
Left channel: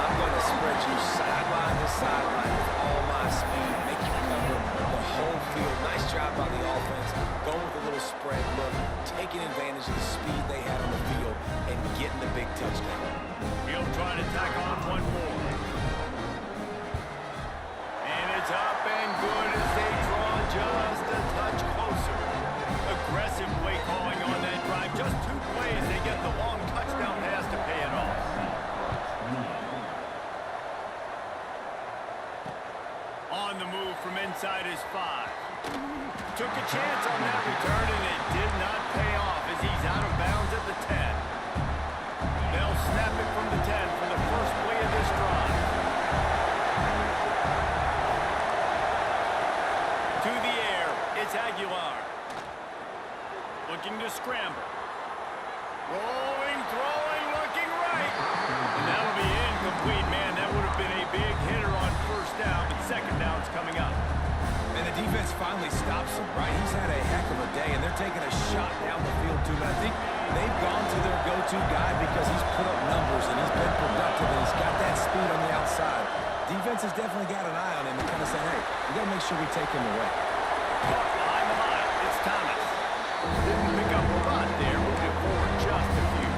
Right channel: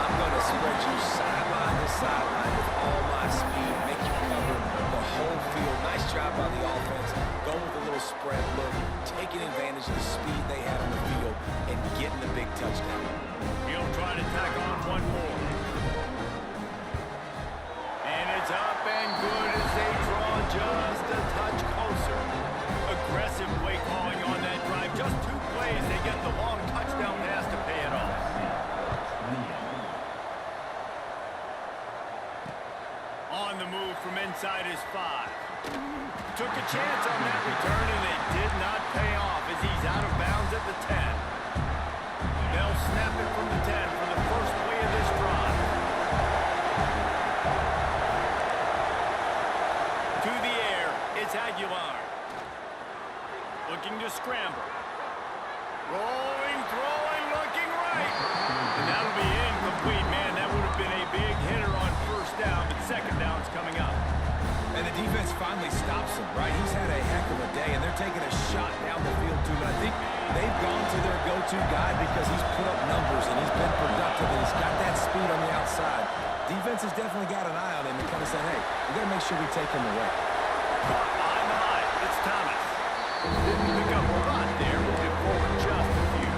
I'm going to spread you sideline to sideline with all my speed, make you cover the whole field. Nice job by the offense, going with a little spread look, taking advantage of the speed they had on the field, and getting the big touchdown. He'll try to tack on one more. And it's up and good as they draw just a touch closer. Aggressive play calling on that drive. Just 2 plays, they get the long touchdown pass to pay it off. On the move from inside his 5. Took a chance on that return, and it did not pay off as he's out of bounds at the 10. They'll snap it from the 10 for the first play of this drive. To the air, it's Aguilar. Looking to scramble. Rolling, throwing, looking right. And that'll be incomplete, man. That would have been a big hitter on first down, but second down's coming up. And the defense finally stops him, right? He's had a heck of a day, and they're taking a shot down the field, too. But I think they've gone to their go-to guy because he's put up numbers, and he's been productive, and he's got that speed on the outside. Defense has definitely got an eye on him and kind of saying, hey, we got to make sure we take him away. Caught behind the line. It's Thomas. Didn't pick up a lot there. Moved it forward just a few.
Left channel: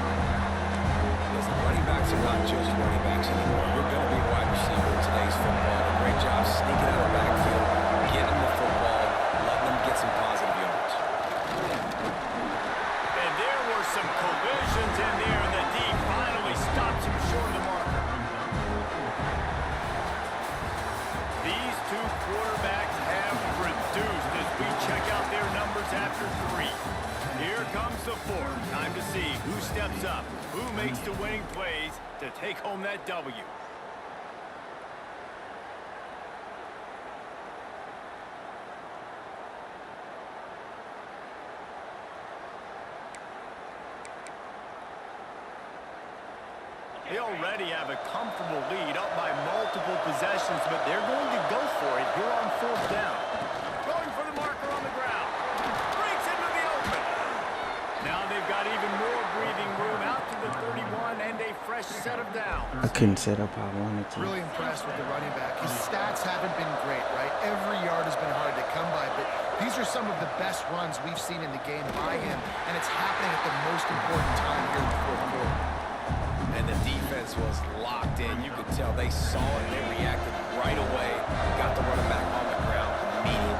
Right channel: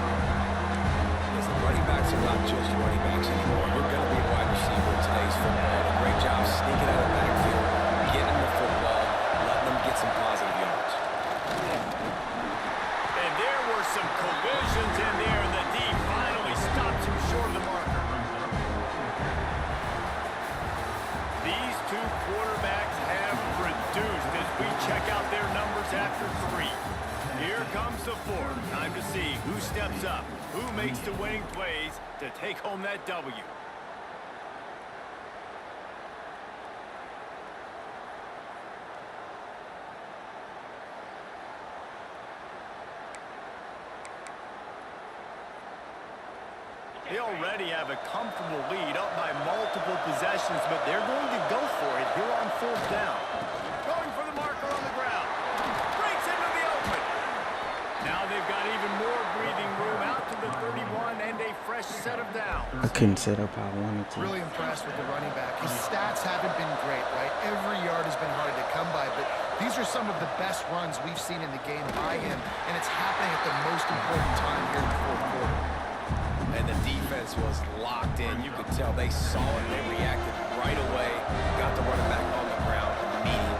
Listen, running backs are not just running backs anymore. You're going to be a wide receiver in today's football. A great job sneaking out of the backfield, getting the football, letting them get some positive yards. And there were some collisions in there, and the D finally stops him short of the marker. These two quarterbacks have produced as we check out their numbers after 3. Here comes the 4th. Time to see who steps up, who makes the winning plays to take home that W. They already have a comfortable lead up by multiple possessions, but they're going to go for it here on 4th down. Going for the marker on the ground. Breaks into the open. Now they've got even more breathing room out to the 31 and a fresh set of downs. I couldn't set up how I wanted to. Really impressed with the running back. His stats haven't been great, right? Every yard has been hard to come by, but these are some of the best runs we've seen in the game by him, and it's happening at the most important time here in the 4th quarter. And the defense was locked in. You could tell they saw it and they reacted right away. Got the running back on the ground immediately.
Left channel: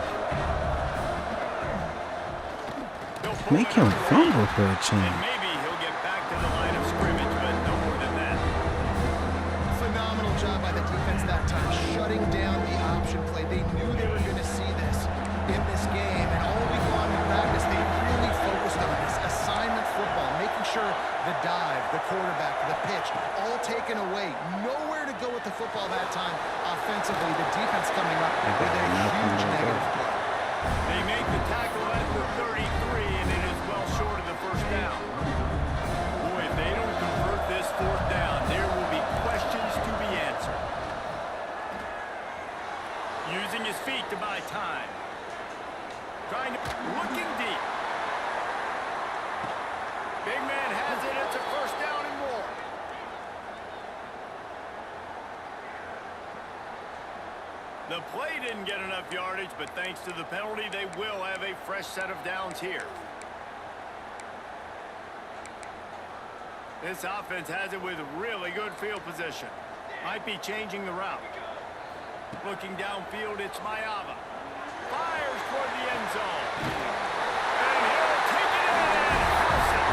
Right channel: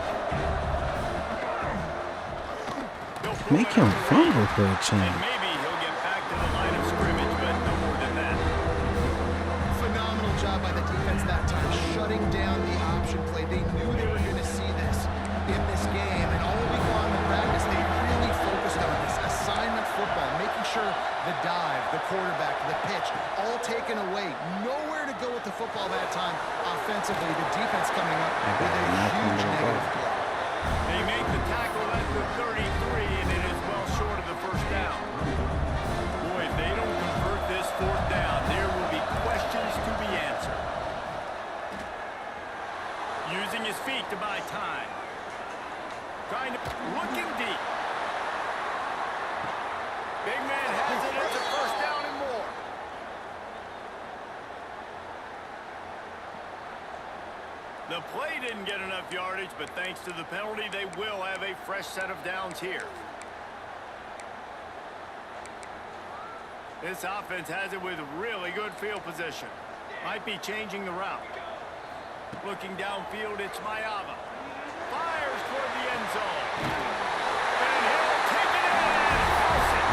Make him fumble for a change. And maybe he'll get back to the line of scrimmage, but no more than that. Phenomenal job by the defense that time, shutting down the option play. They knew they were going to see this in this game, and all week long in practice, they really focused on this assignment football, making sure the dive, the quarterback, the pitch, all taken away. Nowhere to go with the football that time offensively. The defense coming up with a huge negative play. They make the tackle at the 33, and it is well short of the first down. Boy, if they don't convert this fourth down, there will be questions to be answered. Using his feet to buy time. Looking deep. Big man has it. It's a first down and more. The play didn't get enough yardage, but thanks to the penalty, they will have a fresh set of downs here. This offense has it with really good field position. Might be changing the route. Looking downfield, it's Mayava. Fires toward the end zone. And he'll take it in and house it.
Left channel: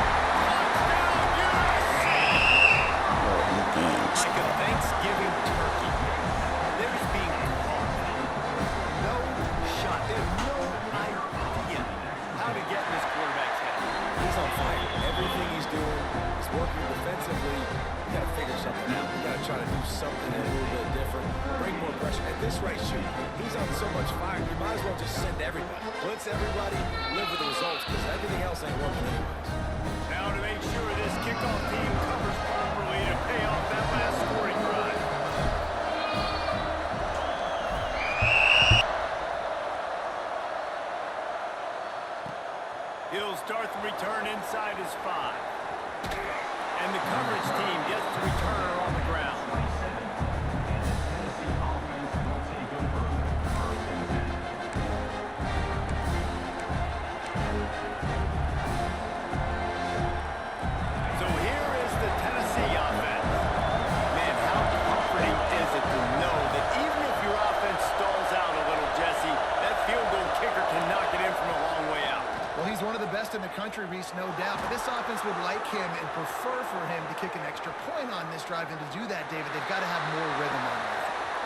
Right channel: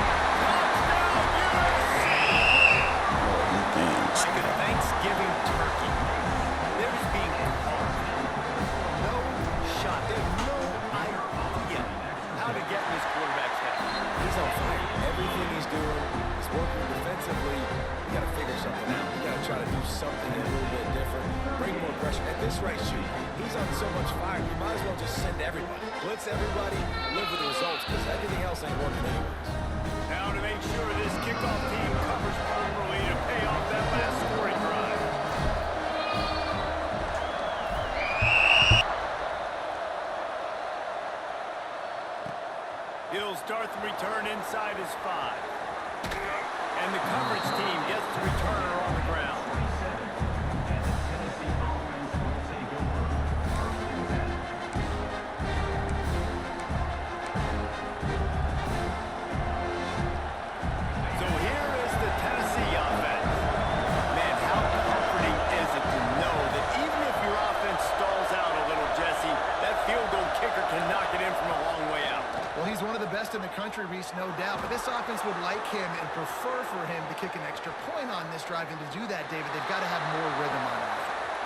Touchdown, USC! Like a Thanksgiving turkey. They're just being carved. No shot. There's no idea how to get in this quarterback's head. He's on fire. Everything he's doing is working defensively. We got to figure something out. We got to try to do something a little bit different. Bring more pressure. At this rate, shoot, he's on so much fire. You might as well just send everybody. Blitz everybody, live with the results, because everything else ain't working anyways. Now to make sure this kickoff team covers properly to pay off that last scoring drive. He'll start the return inside his 5. And the coverage team gets the returner on the ground. So here is the Tennessee offense. Man, how comforting is it to know that even if your offense stalls out a little, Jesse, that field goal kicker can knock it in from a long way out. Well, he's one of the best in the country, Reese, no doubt. But this offense would like him and prefer for him to kick an extra point on this drive. And to do that, David, they've got to have more rhythm on it.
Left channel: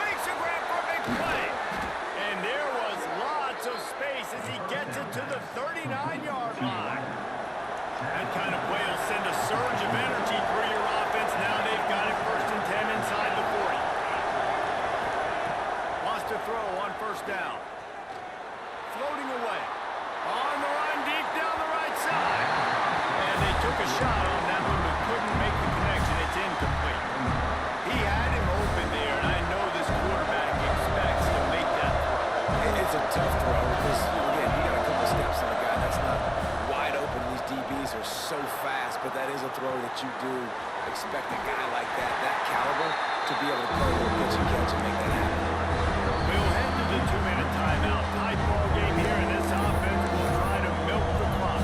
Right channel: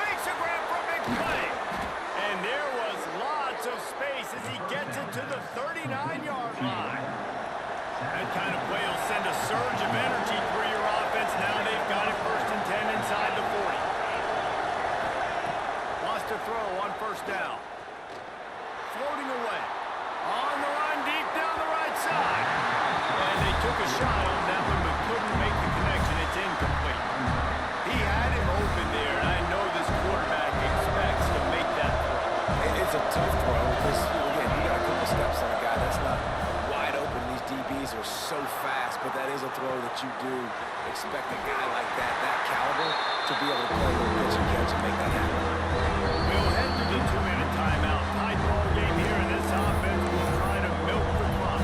Makes a grab for a big play. And there was lots of space as he gets it to the 39-yard line. That kind of play will send a surge of energy through your offense. Now they've got it 1st and 10 inside the 40. Wants to throw on first down. Floating away. On the run deep down the right side. And they took a shot on that one but couldn't make the connection. It's incomplete. He had him open there, and I know this quarterback expects to make that throw. It's a tough throw because, again, you got a couple steps on a guy that's not wide open. These DBs are so fast, but that is a throw that you do expect a guy like that caliber, to be able to play a little pitch and catch and make that happen. We'll head to the 2-minute timeout. Tight ball game here, and this offense will try to milk the clock.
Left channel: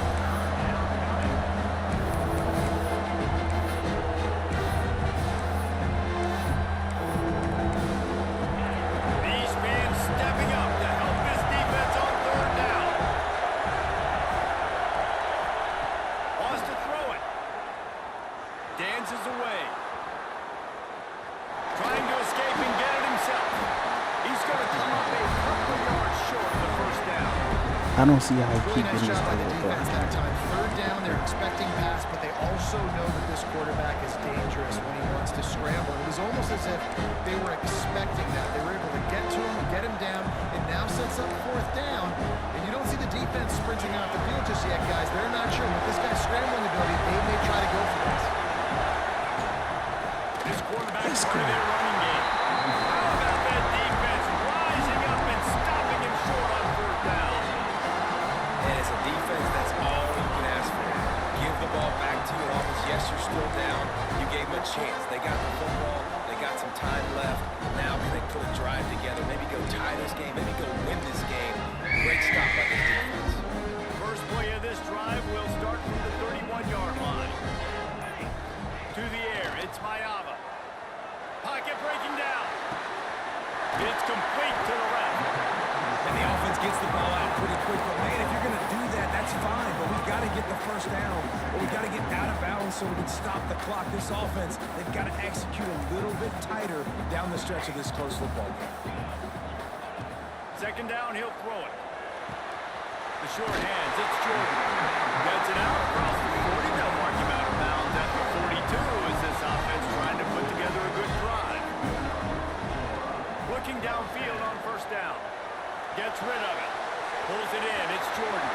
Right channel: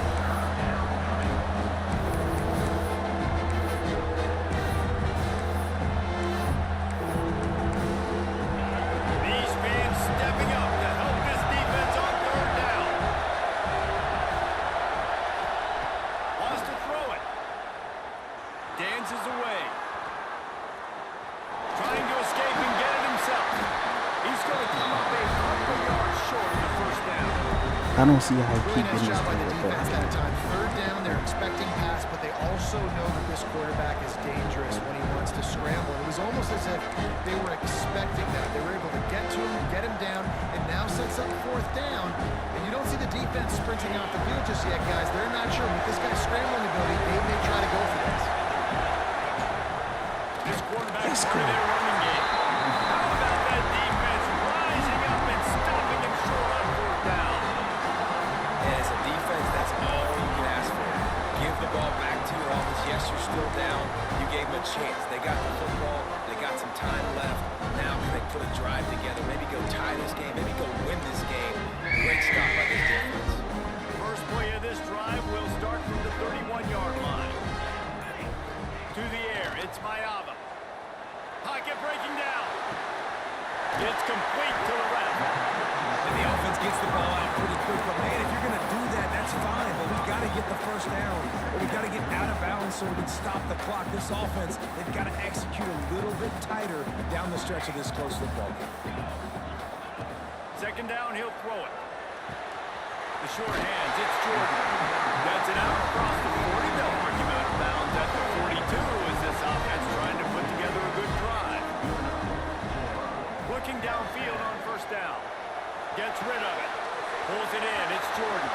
These fans stepping up to help this defense on 3rd down. Wants to throw it. Dances away. Trying to escape and get it himself. He's going to come up a couple yards short of the first down. I don't see how he Really keep nice getting job by this the thing defense with that time. 3rd down, they're expecting pass, but they also know that this quarterback is dangerous when he wants to scramble. And it was almost as if they were expecting that. They were able to get to him, get him down, and now sets up 4th down. And you don't see the defense sprinting off the field just yet, guys. They're not sure. With this guy's scrambling ability, they may try to go for this. This quarterback's part of their running game. How about that defense rising up and stopping him short on 4th down? And it's a defense, that's all you can ask for. Give the ball back to your offense. Yes, you're still down. You gave them a chance. They got the football. They got some time left. Now can they put a drive together? Maybe go tie this game. Maybe go win this game. Great stop by this defense. First play of this drive will start from the 31-yard line. To the air, it's Mayava. Pocket breaking down. It's complete to the left. And the offense gets the ball out pretty quick. But, man, if you're going to do that, that's fine. But we've got to get the first down. Or we've got to get out of bounds so we can stop the clock. This offense, they've got to execute a little bit tighter down the stretch of this close football game. Second down, he'll throw it. The short hands, it's Jordan. Gets it out across the 40. They'll mark him out of bounds at the 42 as this offense trying to put together a good drive. Looking downfield on first down. Gets rid of it. Pulls it in. It's Jordan.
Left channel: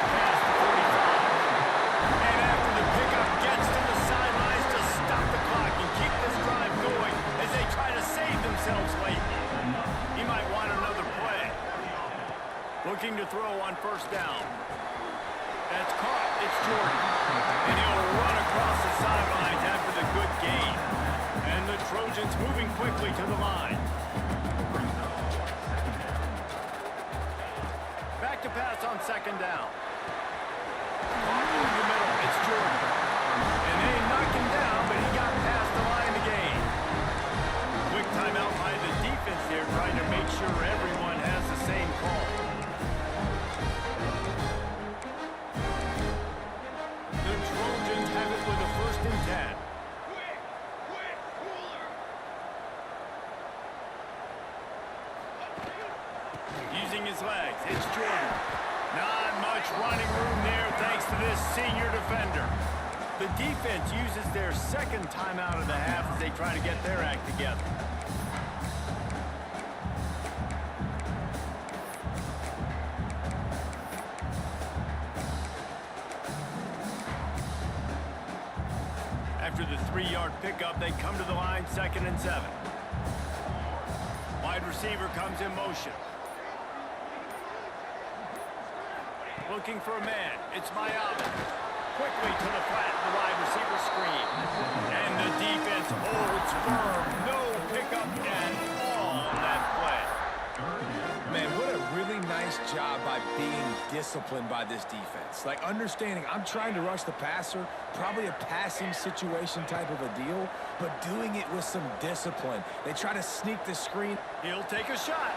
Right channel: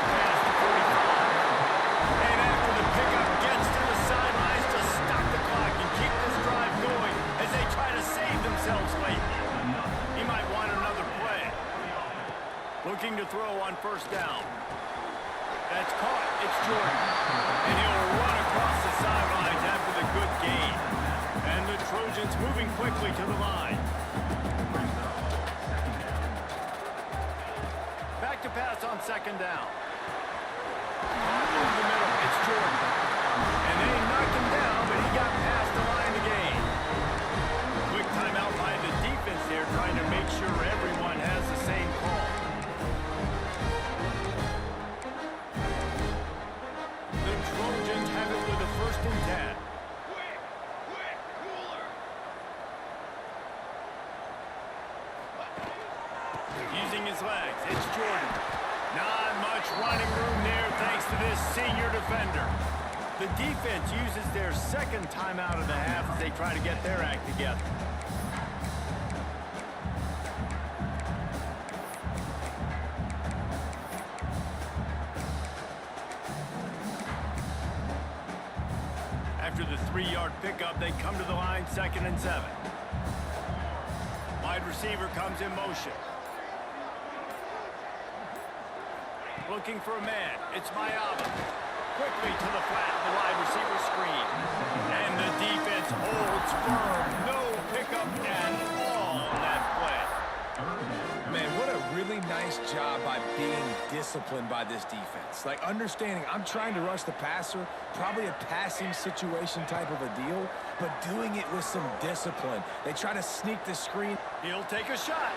Past the 45. And after the pickup, gets to the sidelines to stop the clock and keep this drive going as they try to save themselves late. He might want another play. Looking to throw on first down. That's caught. It's Jordan. And he'll run across the sidelines after the good gain. And the Trojans moving quickly to the line. Back to pass on second down. Caught over the middle. It's Jordan. And they knocked him down, but he got past the line to gain. Quick timeout by the defense there, trying to make sure everyone has the same call. The Trojans have it with a 1st and 10. Quick, cooler. Using his legs, it's Jordan. Not much running room there thanks to this senior defender. The defense uses their second timeout of the half as they try to get their act together. After the 3-yard pickup, they come to the line, 2nd and 7. Wide receiver comes in motion. Looking for a man. It's Mayaba. Quickly to the flat, the wide receiver screen. And the defense holds firm. No pickup at all on that play. Man, what a really nice job by being disciplined by this defense. Like, understanding I'm trying to rush the passer, probably a passing situation type of a deal, but doing it with some discipline. They try to sneak the screen. He'll take a shot.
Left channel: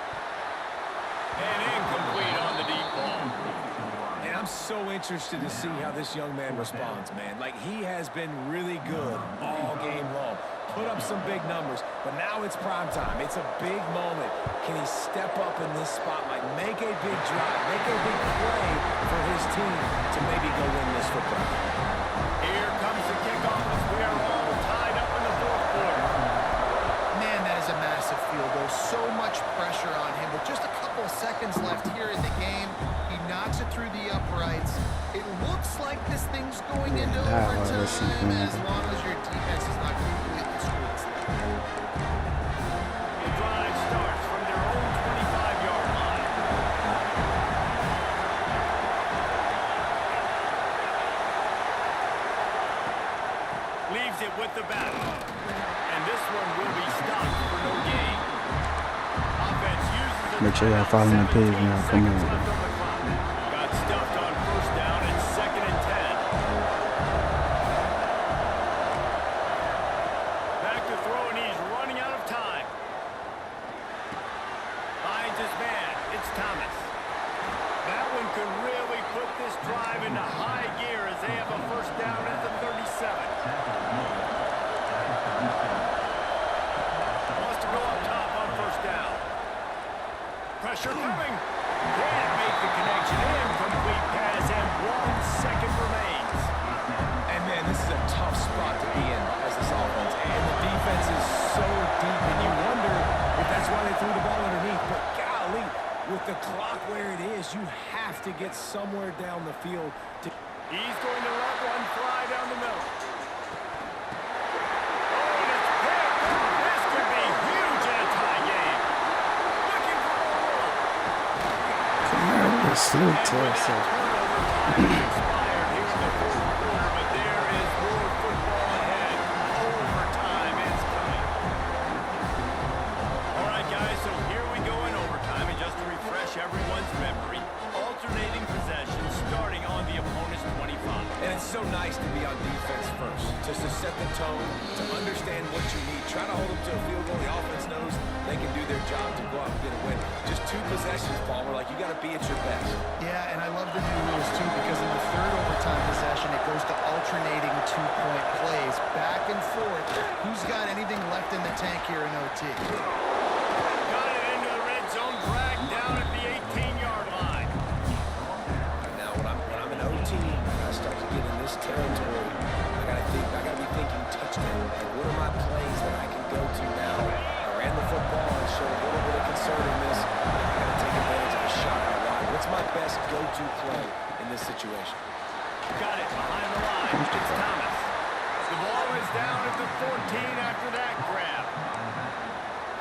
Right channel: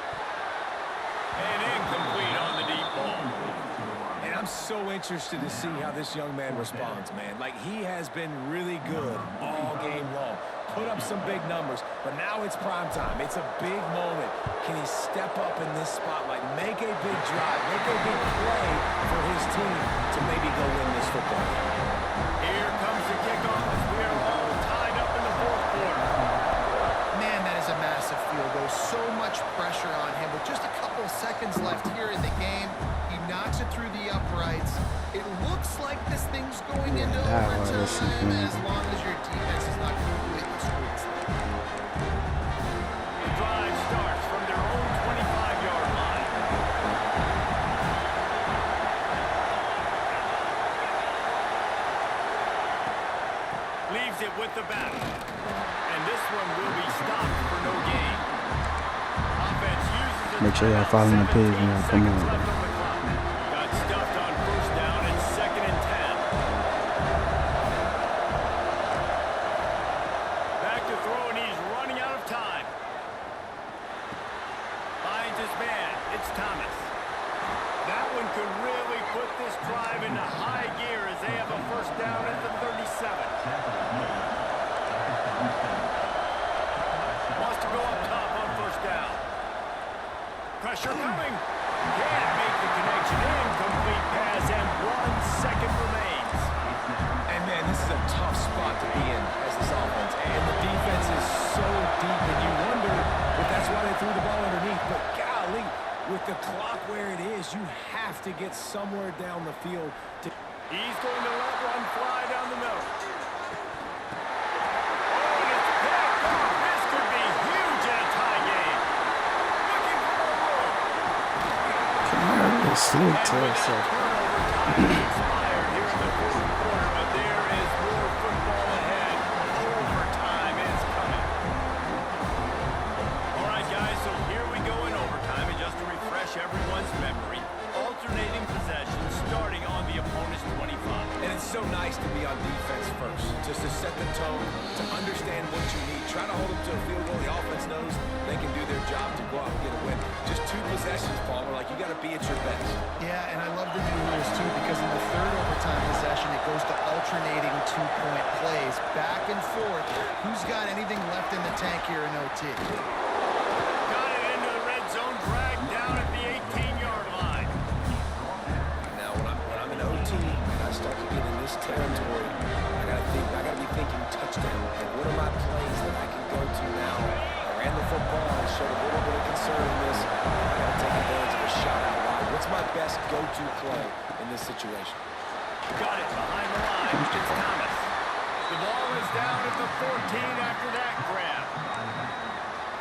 And incomplete on the deep ball. And I'm so interested to see how this young man responds, man. Like, he has been really good all game long. Put up some big numbers, but now it's prime time. It's a big moment. Can he step up in this spotlight, make a big drive, make a big play for his team to maybe go win this football game? Here comes the kickoff as we are all tied up in the 4th quarter. Man, that is a massive field goal. So much pressure on him. With just a couple of seconds left here in the game, he knocks it through the uprights. It looks like this thing's going into overtime as long as your defense is not completely screwed. The drive starts from their own 25-yard line. Leaves it with the back. And this one will be stopped for no gain. Offense uses the Make sure y'all following the page now. Come on. left on the clock. Got stuffed on first down and 2nd and 10. Back to throw, and he's running out of time. Finds his man. It's Thomas. That one could really put this drive into high gear as they have a first down at the 37. Wants to go up top on first down. Pressure coming. Can't make the connection. Incomplete pass, and 1 second remains. And, man, this is a tough spot to be in as this offense. And the defense is so deep, and you wonder if that's why they threw the ball underneath. But, golly, with the clock where it is, you have to get somewhere down the field. He's going to let one fly down the middle. Oh, and it's picked off. This could be huge in a tie game. Looking for more room. Come on, slow to us. Turnover time has expired here in the 4th quarter, but there is more football ahead. Overtime is coming. All right, guys, so here we go in overtime, and just to refresh everyone's memory, alternating possessions starting on the opponent's 25. And it's so nice nice to be on defense first, just to set the tone, to understand what you need. Try to hold them to a field goal. The offense knows they can do their job to go out and get a win. Just 2 possessions, Palmer. Like, you got to be at your best. Yeah, and I love the new rules, too, because in the third overtime possession, it goes to alternating 2-point plays, back and forth. Who's got anything left in the tank here in OT? Got it into the red zone, dragged down at the 18-yard line. Now, when I'm in OT and I start to get in this territory, I gotta be thinking touchdown. Like, what are my plays that I can go to now? I ran the football, I showed a little bit of conservativeness. Now I gotta take advantage of a shot out wide. What's my best go-to play in this situation? Got it behind the line. It's Thomas. The ball is down at the 14 after that grab.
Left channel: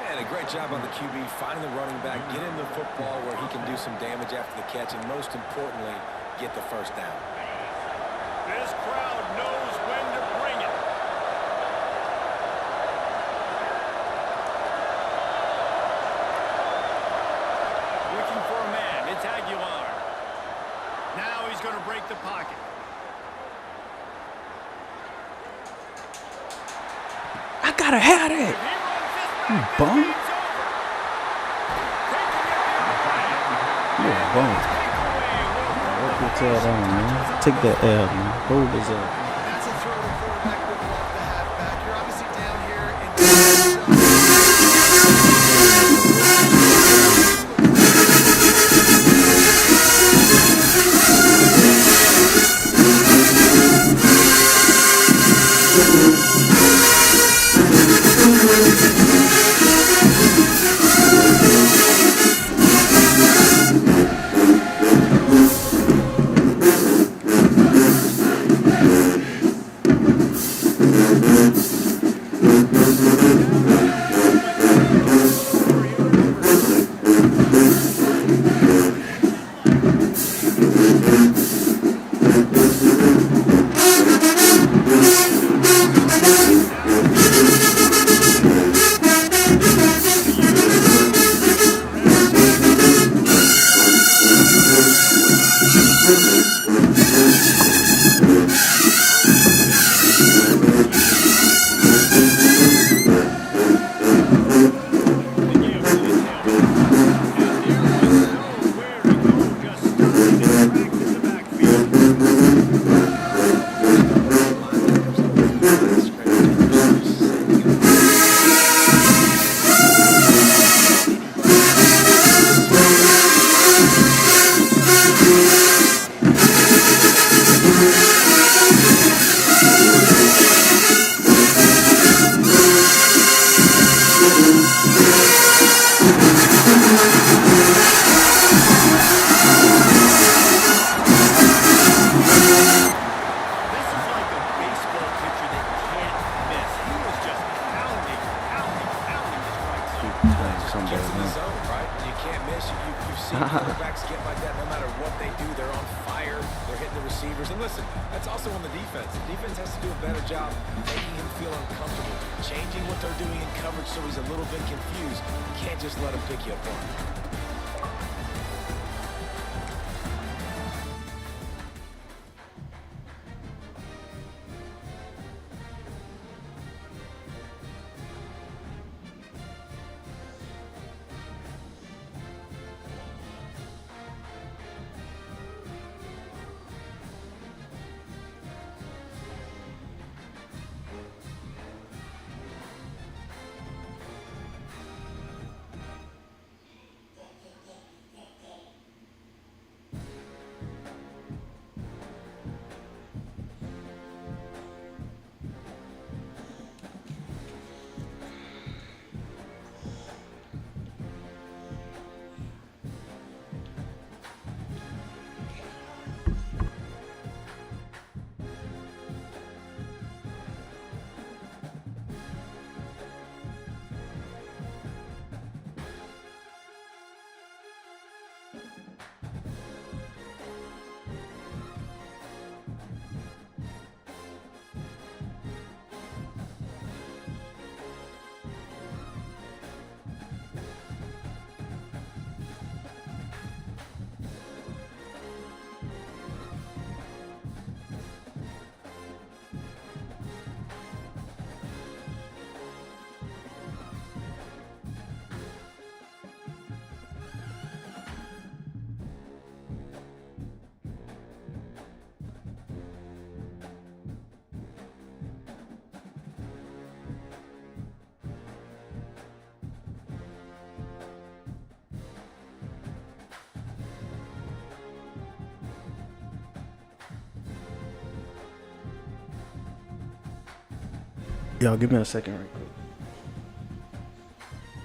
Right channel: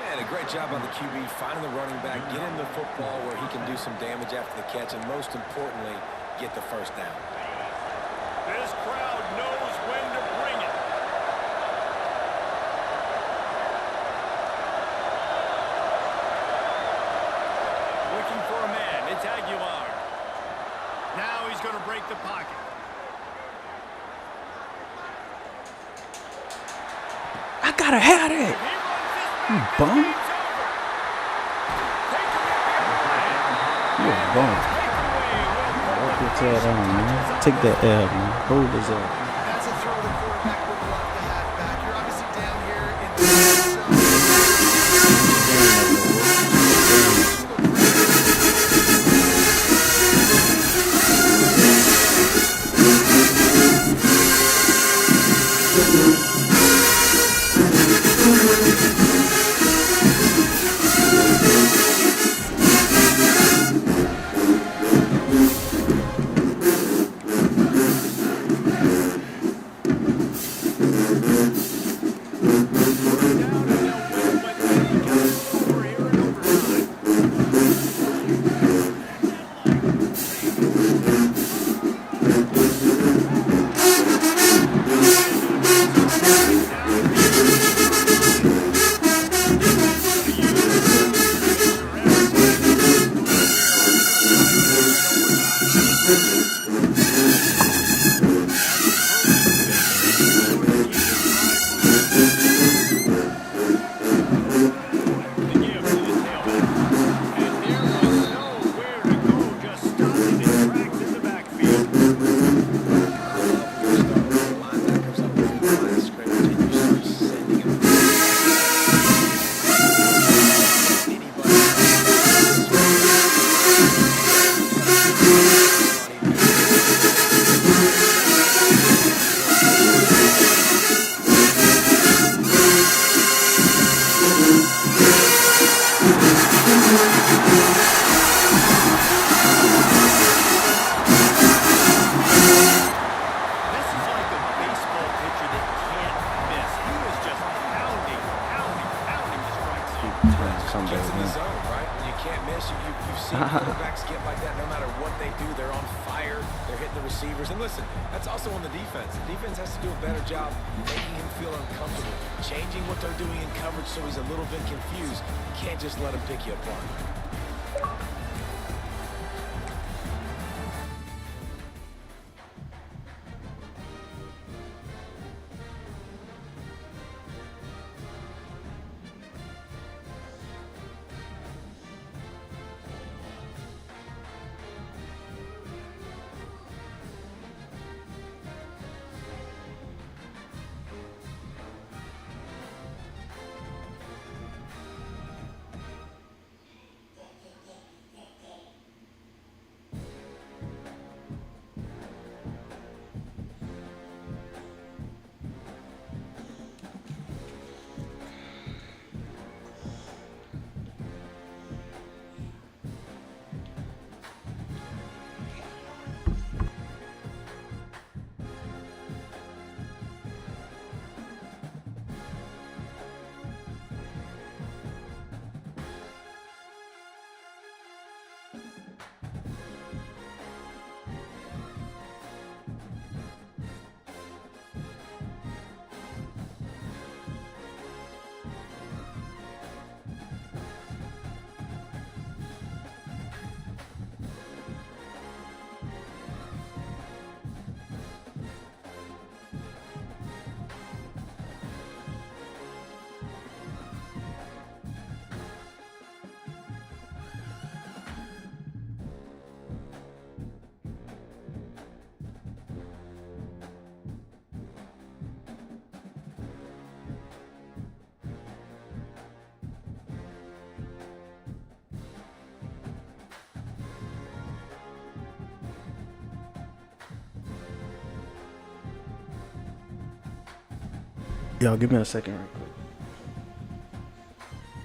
And a great job on the QB, finding the running back, get him the football where he can do some damage after the catch, and most importantly, get the first down. This crowd knows when to bring it. Looking for a man. It's Aguilar. Now he's going to break the pocket. I gotta have If that. he runs this You back, bum. this game's over. Taking it the other way. You a bum. Takeaway will put Walk the your tail finishing down, touches man. on Take this that L, man. Hold this up. That's a throw the quarterback would love to have back. You're obviously down here in the red zone. Someday, Gets in the man. zone, right? When you can't miss, you've seen quarterbacks get like that no matter what they do. They're on fire. They're hitting the receivers. And listen, that's also on the defense. The defense has to do a better job making him feel uncomfortable, changing what they're doing in coverage so he's a little bit confused. You can't just let him pick you apart. Y'all give me a second right quick.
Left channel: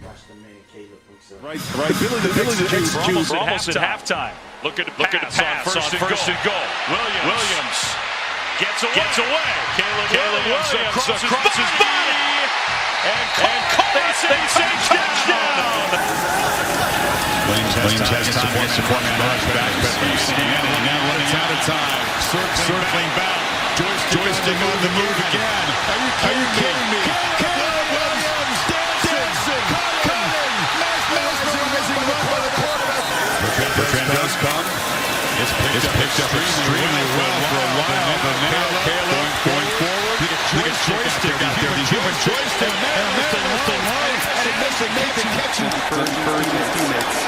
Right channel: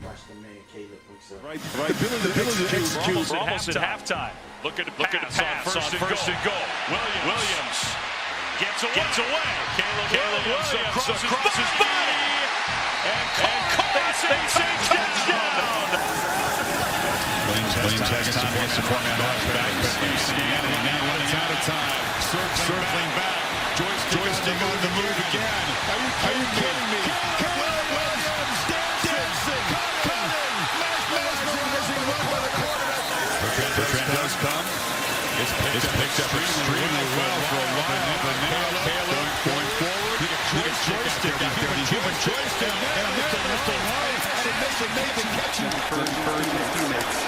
Watch the man Caleb himself. Right. Ability to execute. We're almost at halftime. Looking to pass on first and goal. Williams gets away. Caleb Williams across his body. And caught a touchdown. Williams has time against the four-man rush back. Now running out of time. Circling back. Joystick on the move again. Are you kidding me? Caleb Williams dancing, cutting, mesmerizing run by the quarterback. Bertrand does come. It's picked up extremely well for a while. But now Caleb going forward. Look at joystick out there. The human joystick. And there's the line. And it makes the catch. Encouraging his teammates.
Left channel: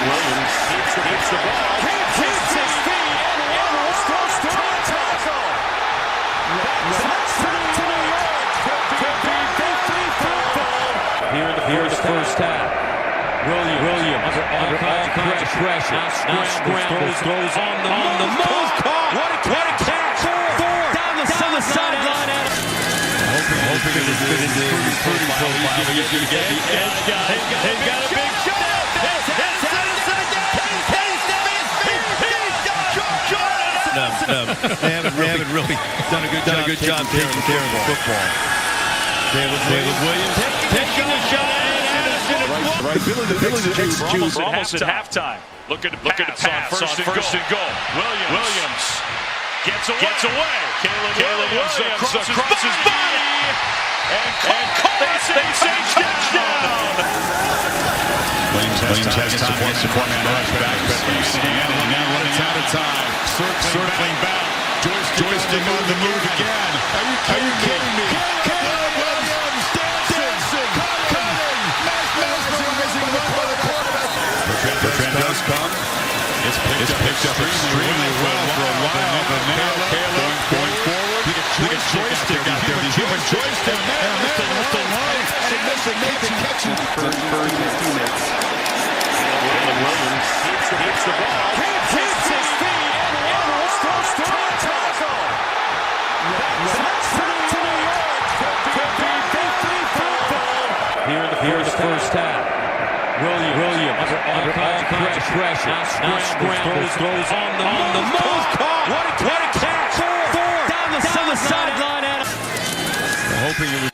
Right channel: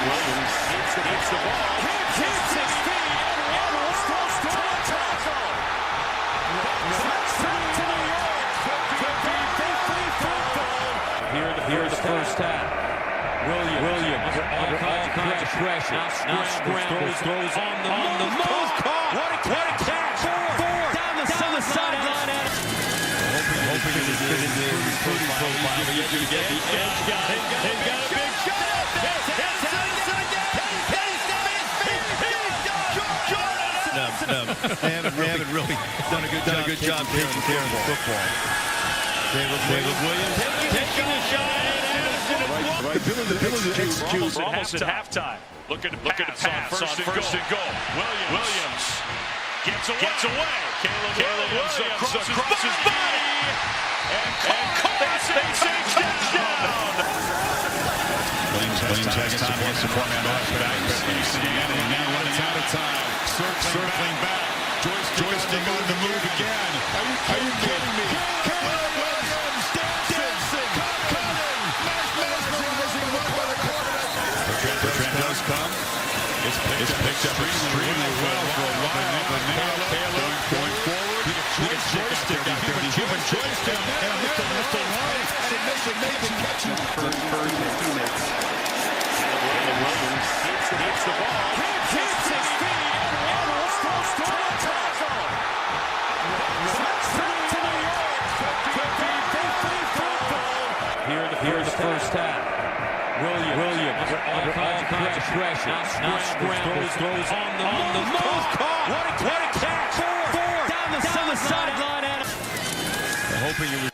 Williams hits the ball. Hits his feet. And runs to a tackle. That's back to New York. Could be victory football. Here in the first half. Williams under all kinds of pressure. Now scrambles, throws on the move. Caught. What a catch. Four. Down the sideline. Hoping it would fit into the recruiting profile. You get the edge guy. He's got a big shot. They haven't really done a good job taking care of the football. Caleb Williams taking a shot. Right. Ability to execute. We're almost at halftime. Looking to pass on first and goal. Williams gets away. Caleb Williams across his body. And caught a touchdown. Williams has time against the four-man rush back. Now running out of time. Circling back. Joystick on the move again. Are you kidding me? Caleb Williams dancing, cutting, mesmerizing run by the quarterback. Bertrand does come. It's picked up extremely well for a while. But now Caleb going forward. Look at joystick out there. The human joystick. And there's the line. And it makes the catch. Encouraging his teammates. Williams hits the ball. Hits his feet. And runs to a tackle. That's back to New York. Could be victory football. Here in the first half. Williams under all kinds of pressure. Now scrambles, throws on the move. Caught. What a catch. Four. Down the sideline. Hoping it was.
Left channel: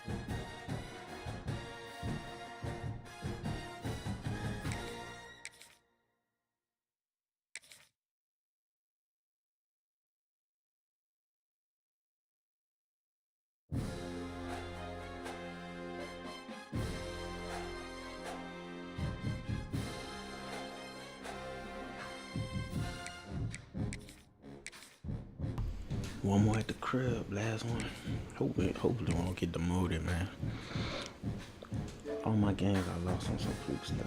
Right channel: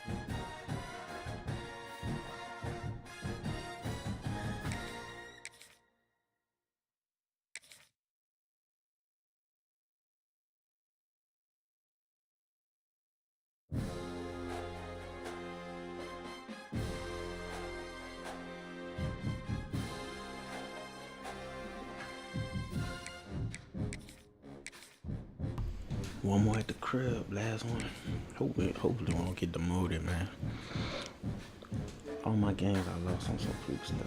One more at the crib, last one. Hopefully we don't get demoted, man. All my games I lost on some fluke stuff.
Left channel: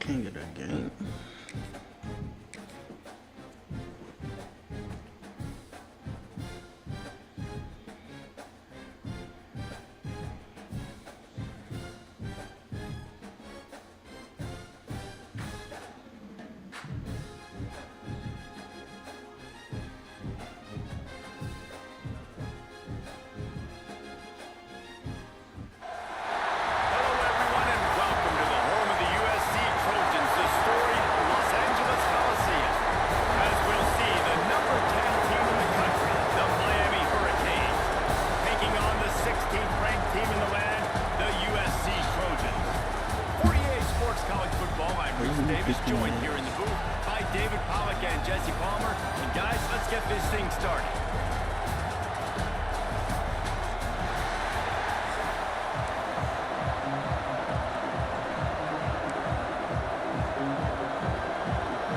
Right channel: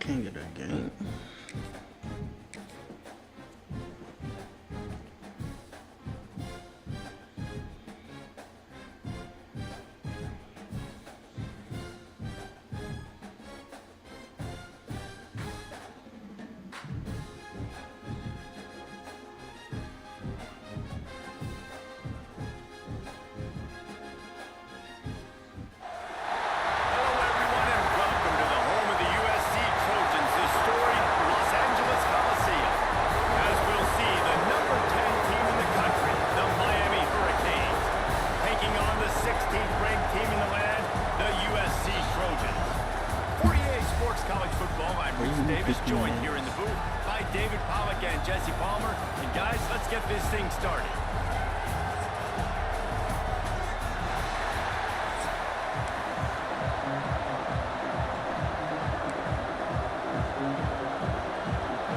Can't get that game. talks college football. I'm Reese Davis, joined here in the booth by David Pollack and Jesse Palmer. And guys, let's get this thing started.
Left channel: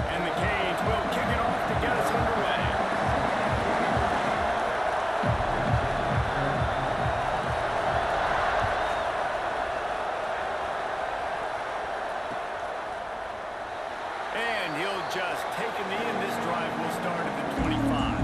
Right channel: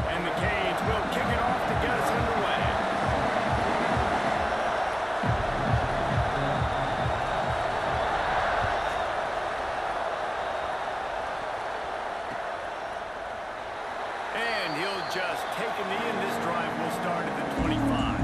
And the Canes will kick it off to get us underway. And he'll just take a knee, and this drive will start at the 25.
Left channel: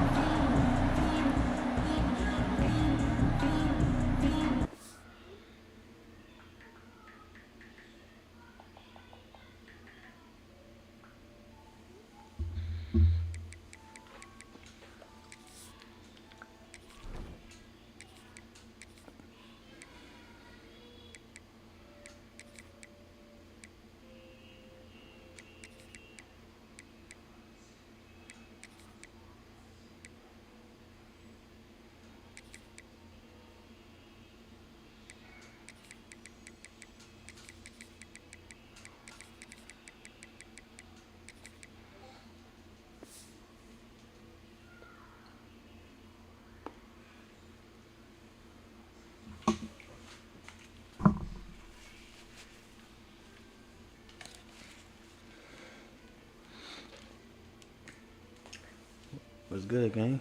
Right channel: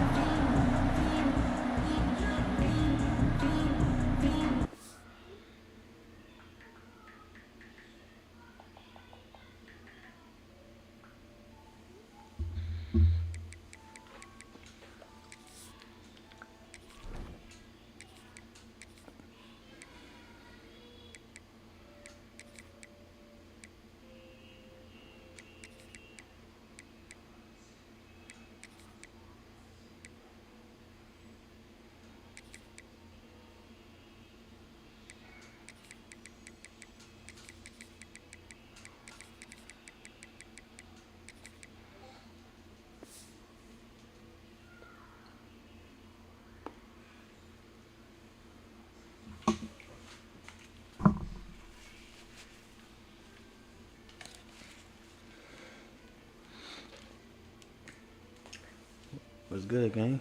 What's good, gang?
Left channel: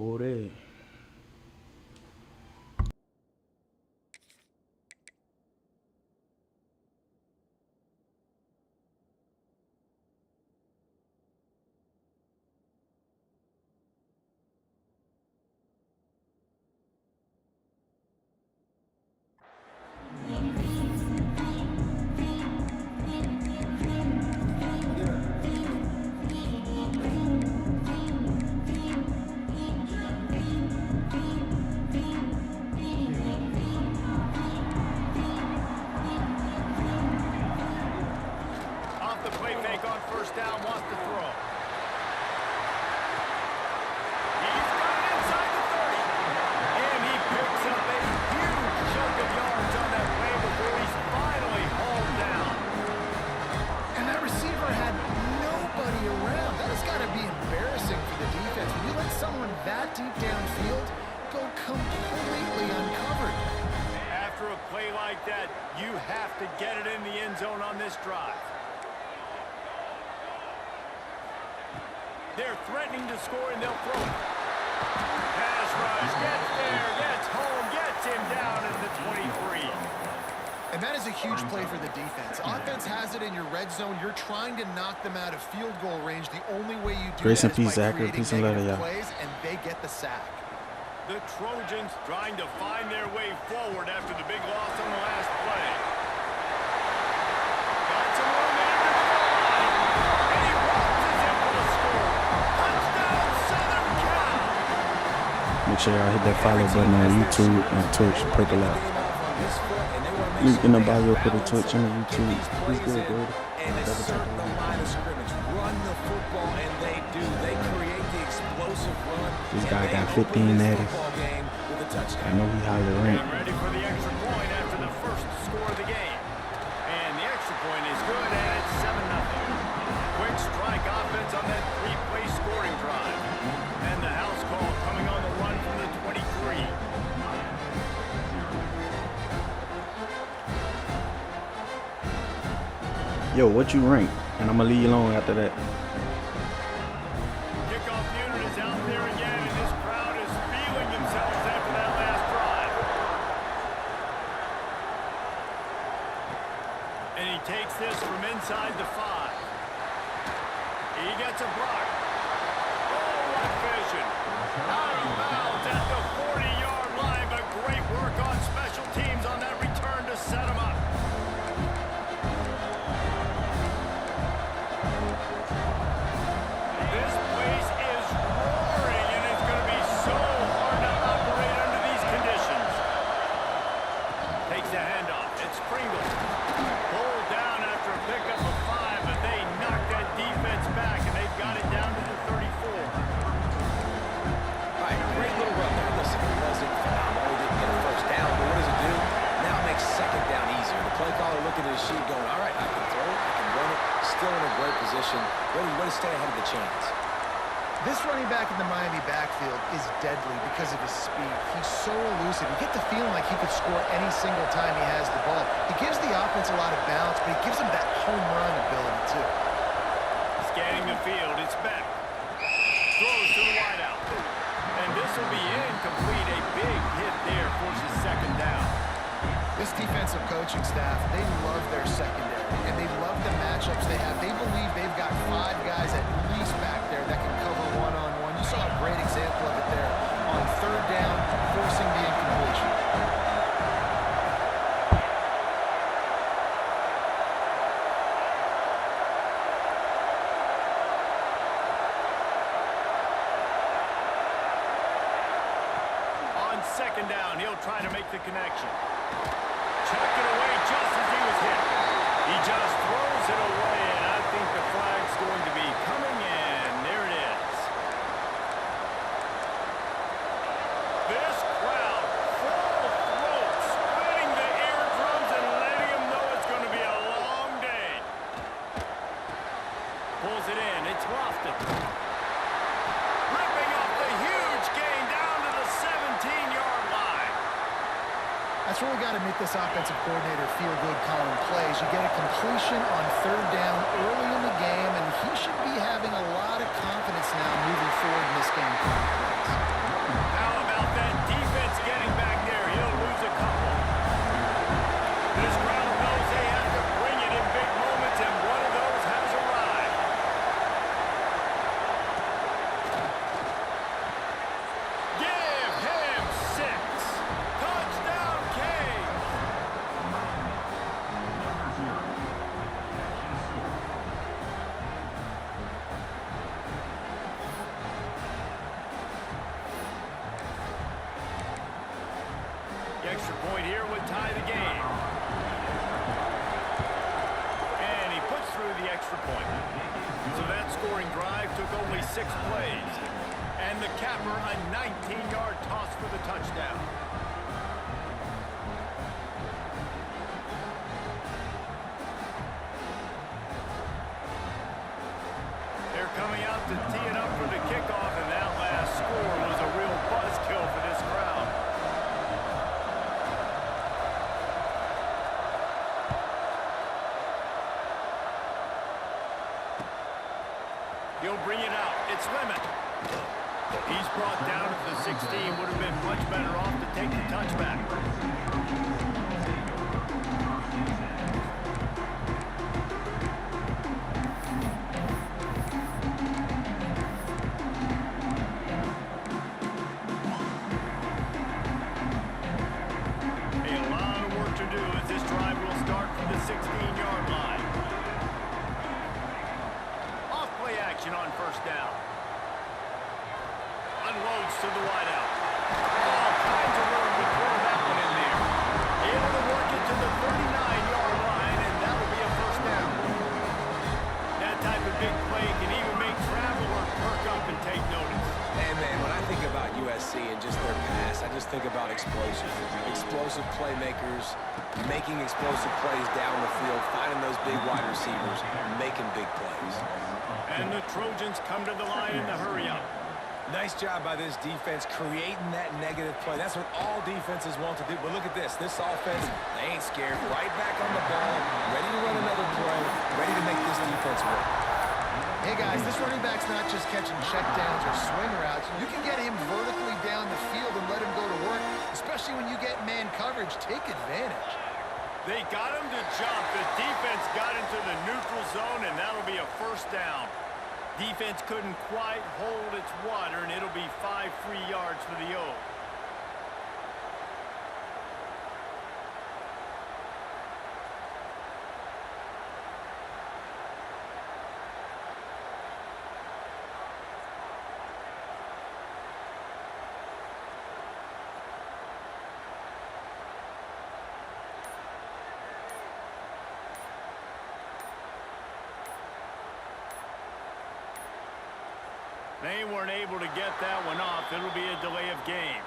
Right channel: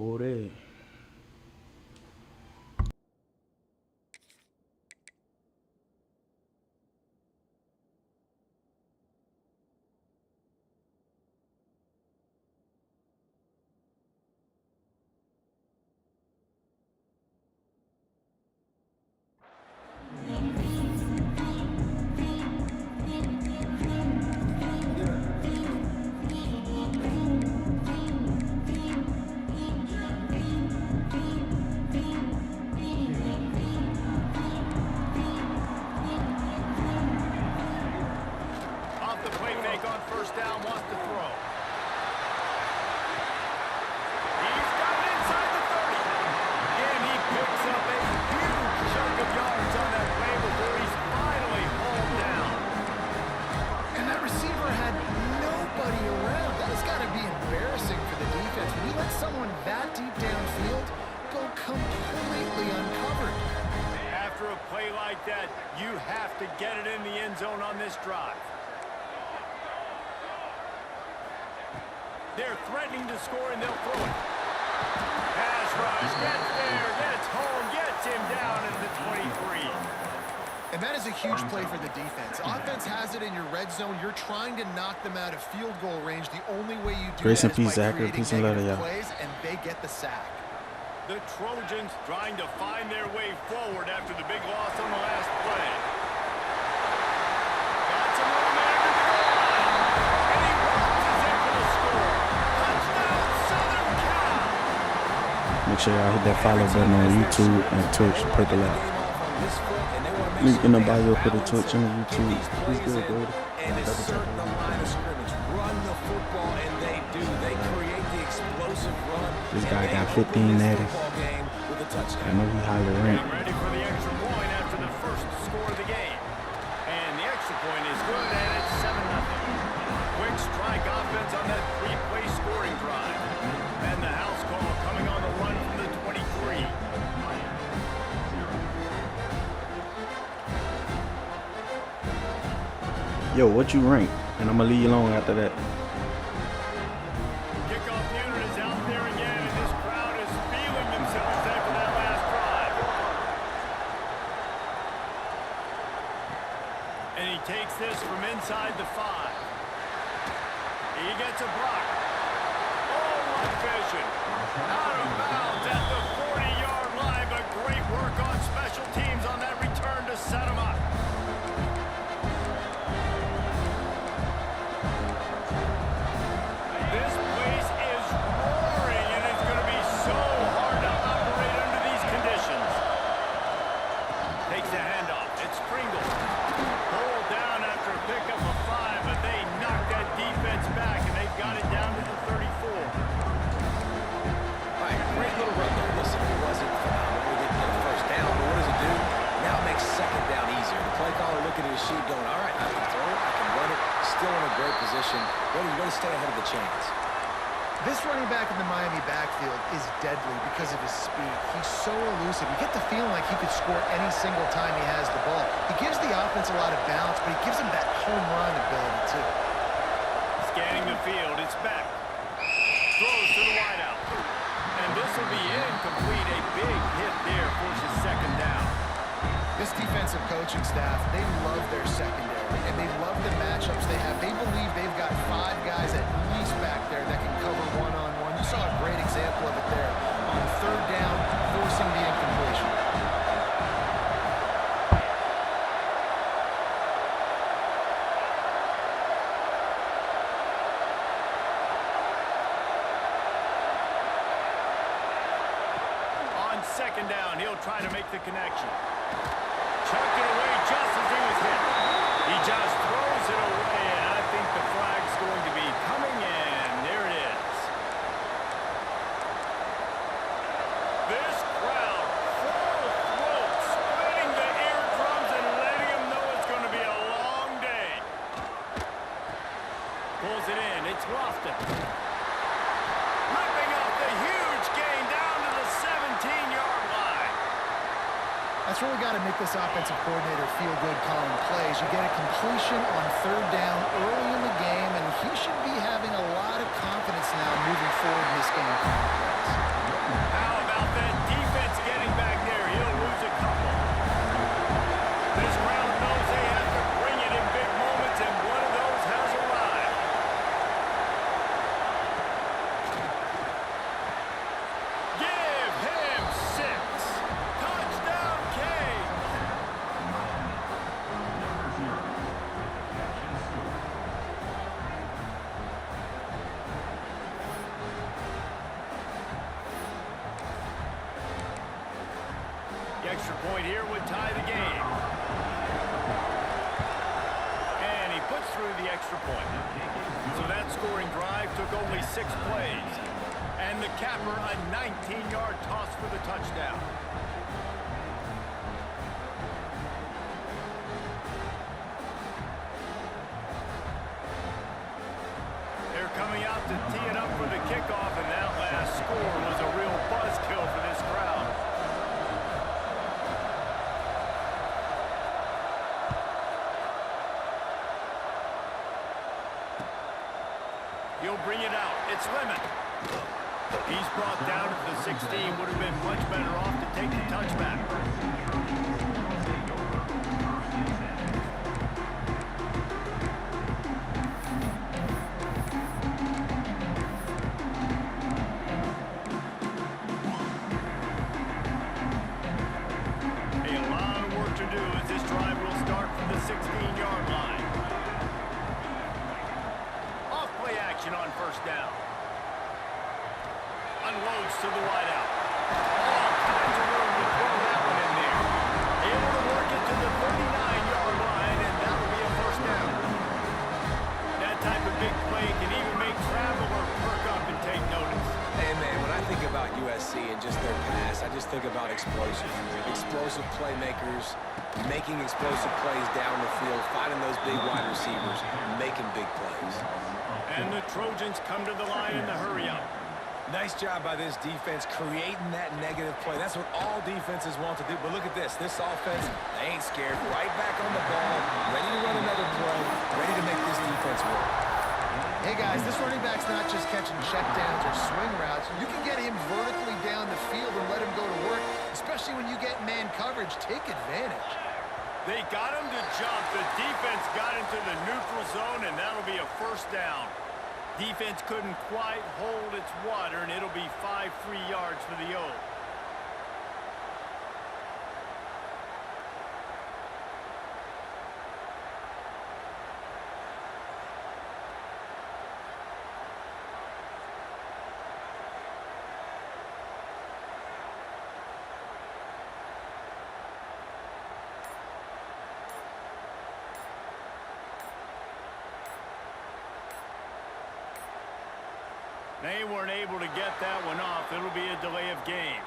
Oh, there. Off the play fake on first down, wants to throw. He's got it inside the 30. And he picks up a huge chunk of yards on that play before he's finally hauled down. And that receiver had nobody around. That has got to be embarrassing for the defense. When you let someone that deep downfield go completely uncovered. After a play like that, you have to get it in the end zone on this drive. They're threatening to score, and they'll throw it. Pass rush, gets there, gets home, gets him down at the 23. And that is a huge play for the defense. Offense has it in your red zone. You're trying to knock them out of field goal range. The only way you do Grace that and is peace, by Zachary. creating Peace and love to negative y'all. plays, and they get the sack. The Trojans trying to find their way forward after the big loss on the last play. Got some room after the goal line. And he waltzes in for the score. Touchdown, Southern Cal. Make sure y'all hit that follow button on YouTube and Twitch. Purple out. Link in the bio for the Twitch and the YouTube. Who's good, dude? And assert the line of scrimmage. Run the football, and they do. They create the explosive run. This guy got 15 natty. I know he highly ranked. I'm ready for the extra point after the first score of the game. And the extra point is good, and it's 7-0. Quick strike offense on that three-play scoring drive. And the house call coming on the run from the 23. Yo, what you rank? And I'm gonna leave you alone after that. Kickoff unit is out there again, and this crowd is feeling themselves after that last drive. And he takes this from inside the 5. He gets a block. Oh, what vision. Out of bounds at the 40-yard line, but great work on special teams on that return to set him up. This place is roaring, and it's going to be so hard to operate under these conditions. Takes the handoff. It's Pringle. Pulled down after a pickup of 5, but they knocked that defense back, and they've got it down to the 34. do. Now it makes second down easier. The play caller looking at his sheet going, all right, I can throw it, I can run it. Still in a great position, ready to stay ahead of the chains. This running back in the Miami backfield is deadly because of his speed. He's so elusive. You get the feeling like he could score any single time he has the ball. He gives the offense a lot of balance, but he gives them that home run ability, too. Scanning the field, it's back. Throws to the wideout. And this will be incomplete. A big hit there forces second down. This defensive coaching staff, they love their secondary, and they love the matchups they have. They believe they've got 5 guys at least back there that can cover one-on-one. You saw a great example of it there on third down, forcing the incompletion. On second down, he'll try to make the connection. Chucked it away just as he was hit. He just throws it away, and I think the flag's going to be coming, and there it is. This crowd, full throat, splitting the eardrums and letting them know it's going to be a long day. Pulls it in. It's Lofton. Ripping off the huge gain down to the 17-yard line. That's really got to make this offensive coordinator feel good calling plays. You get a completion on third down early in the game, and he should be having a lot of confidence now moving forward in this game calling plays. How about that defense getting back there? He'll lose a couple. This crowd knows they have to bring it in big moments, and one of those has arrived. Give him 6. Touchdown, Canes. The extra point here would tie the game. And he puts through the extra point. So that scoring drive took only 6 plays. And the capper, a 19-yard toss for the touchdown. They're coming out to tee it up for the kickoff, and that last score was a real buzzkill for this crowd. He'll bring it out. It's Lemon. He's brought down at the 16. Would have been much better off to take the touchback. A lot of work to do as this drive will start from the 16-yard line. Off-play action on first down. Unloads to the wideout. All kinds of room to throw that one in there. Able to work it to the 39-yard line, and that'll be a first down. That type of big play can even make Traveler perk up and take notice. Hey, man, when I think about USC and just their pass, I just think about explosive. Explosive playmakers, making explosive plays down the field, finding those big wide receivers, making big plays. And the Trojans come to the line in the hurry-up. Nice job by this defense creating that negative play. That's what all defenses want to do. But look at this. This offense, they ain't scared. Right back on the ball, ready to run another play, ready to make this defense work. Hey, guys, this running back's not just catching checkdowns or swing routes. You can get him vertically down the field and let him go to work, especially when you get man coverage. Take advantage. They got him to jump. The defense got into the neutral zone, and that'll be a first down. Defense couldn't quite hold its water, and it'll be 5 free yards for the O's. They weren't able to get that one off. It'll be a delay of game.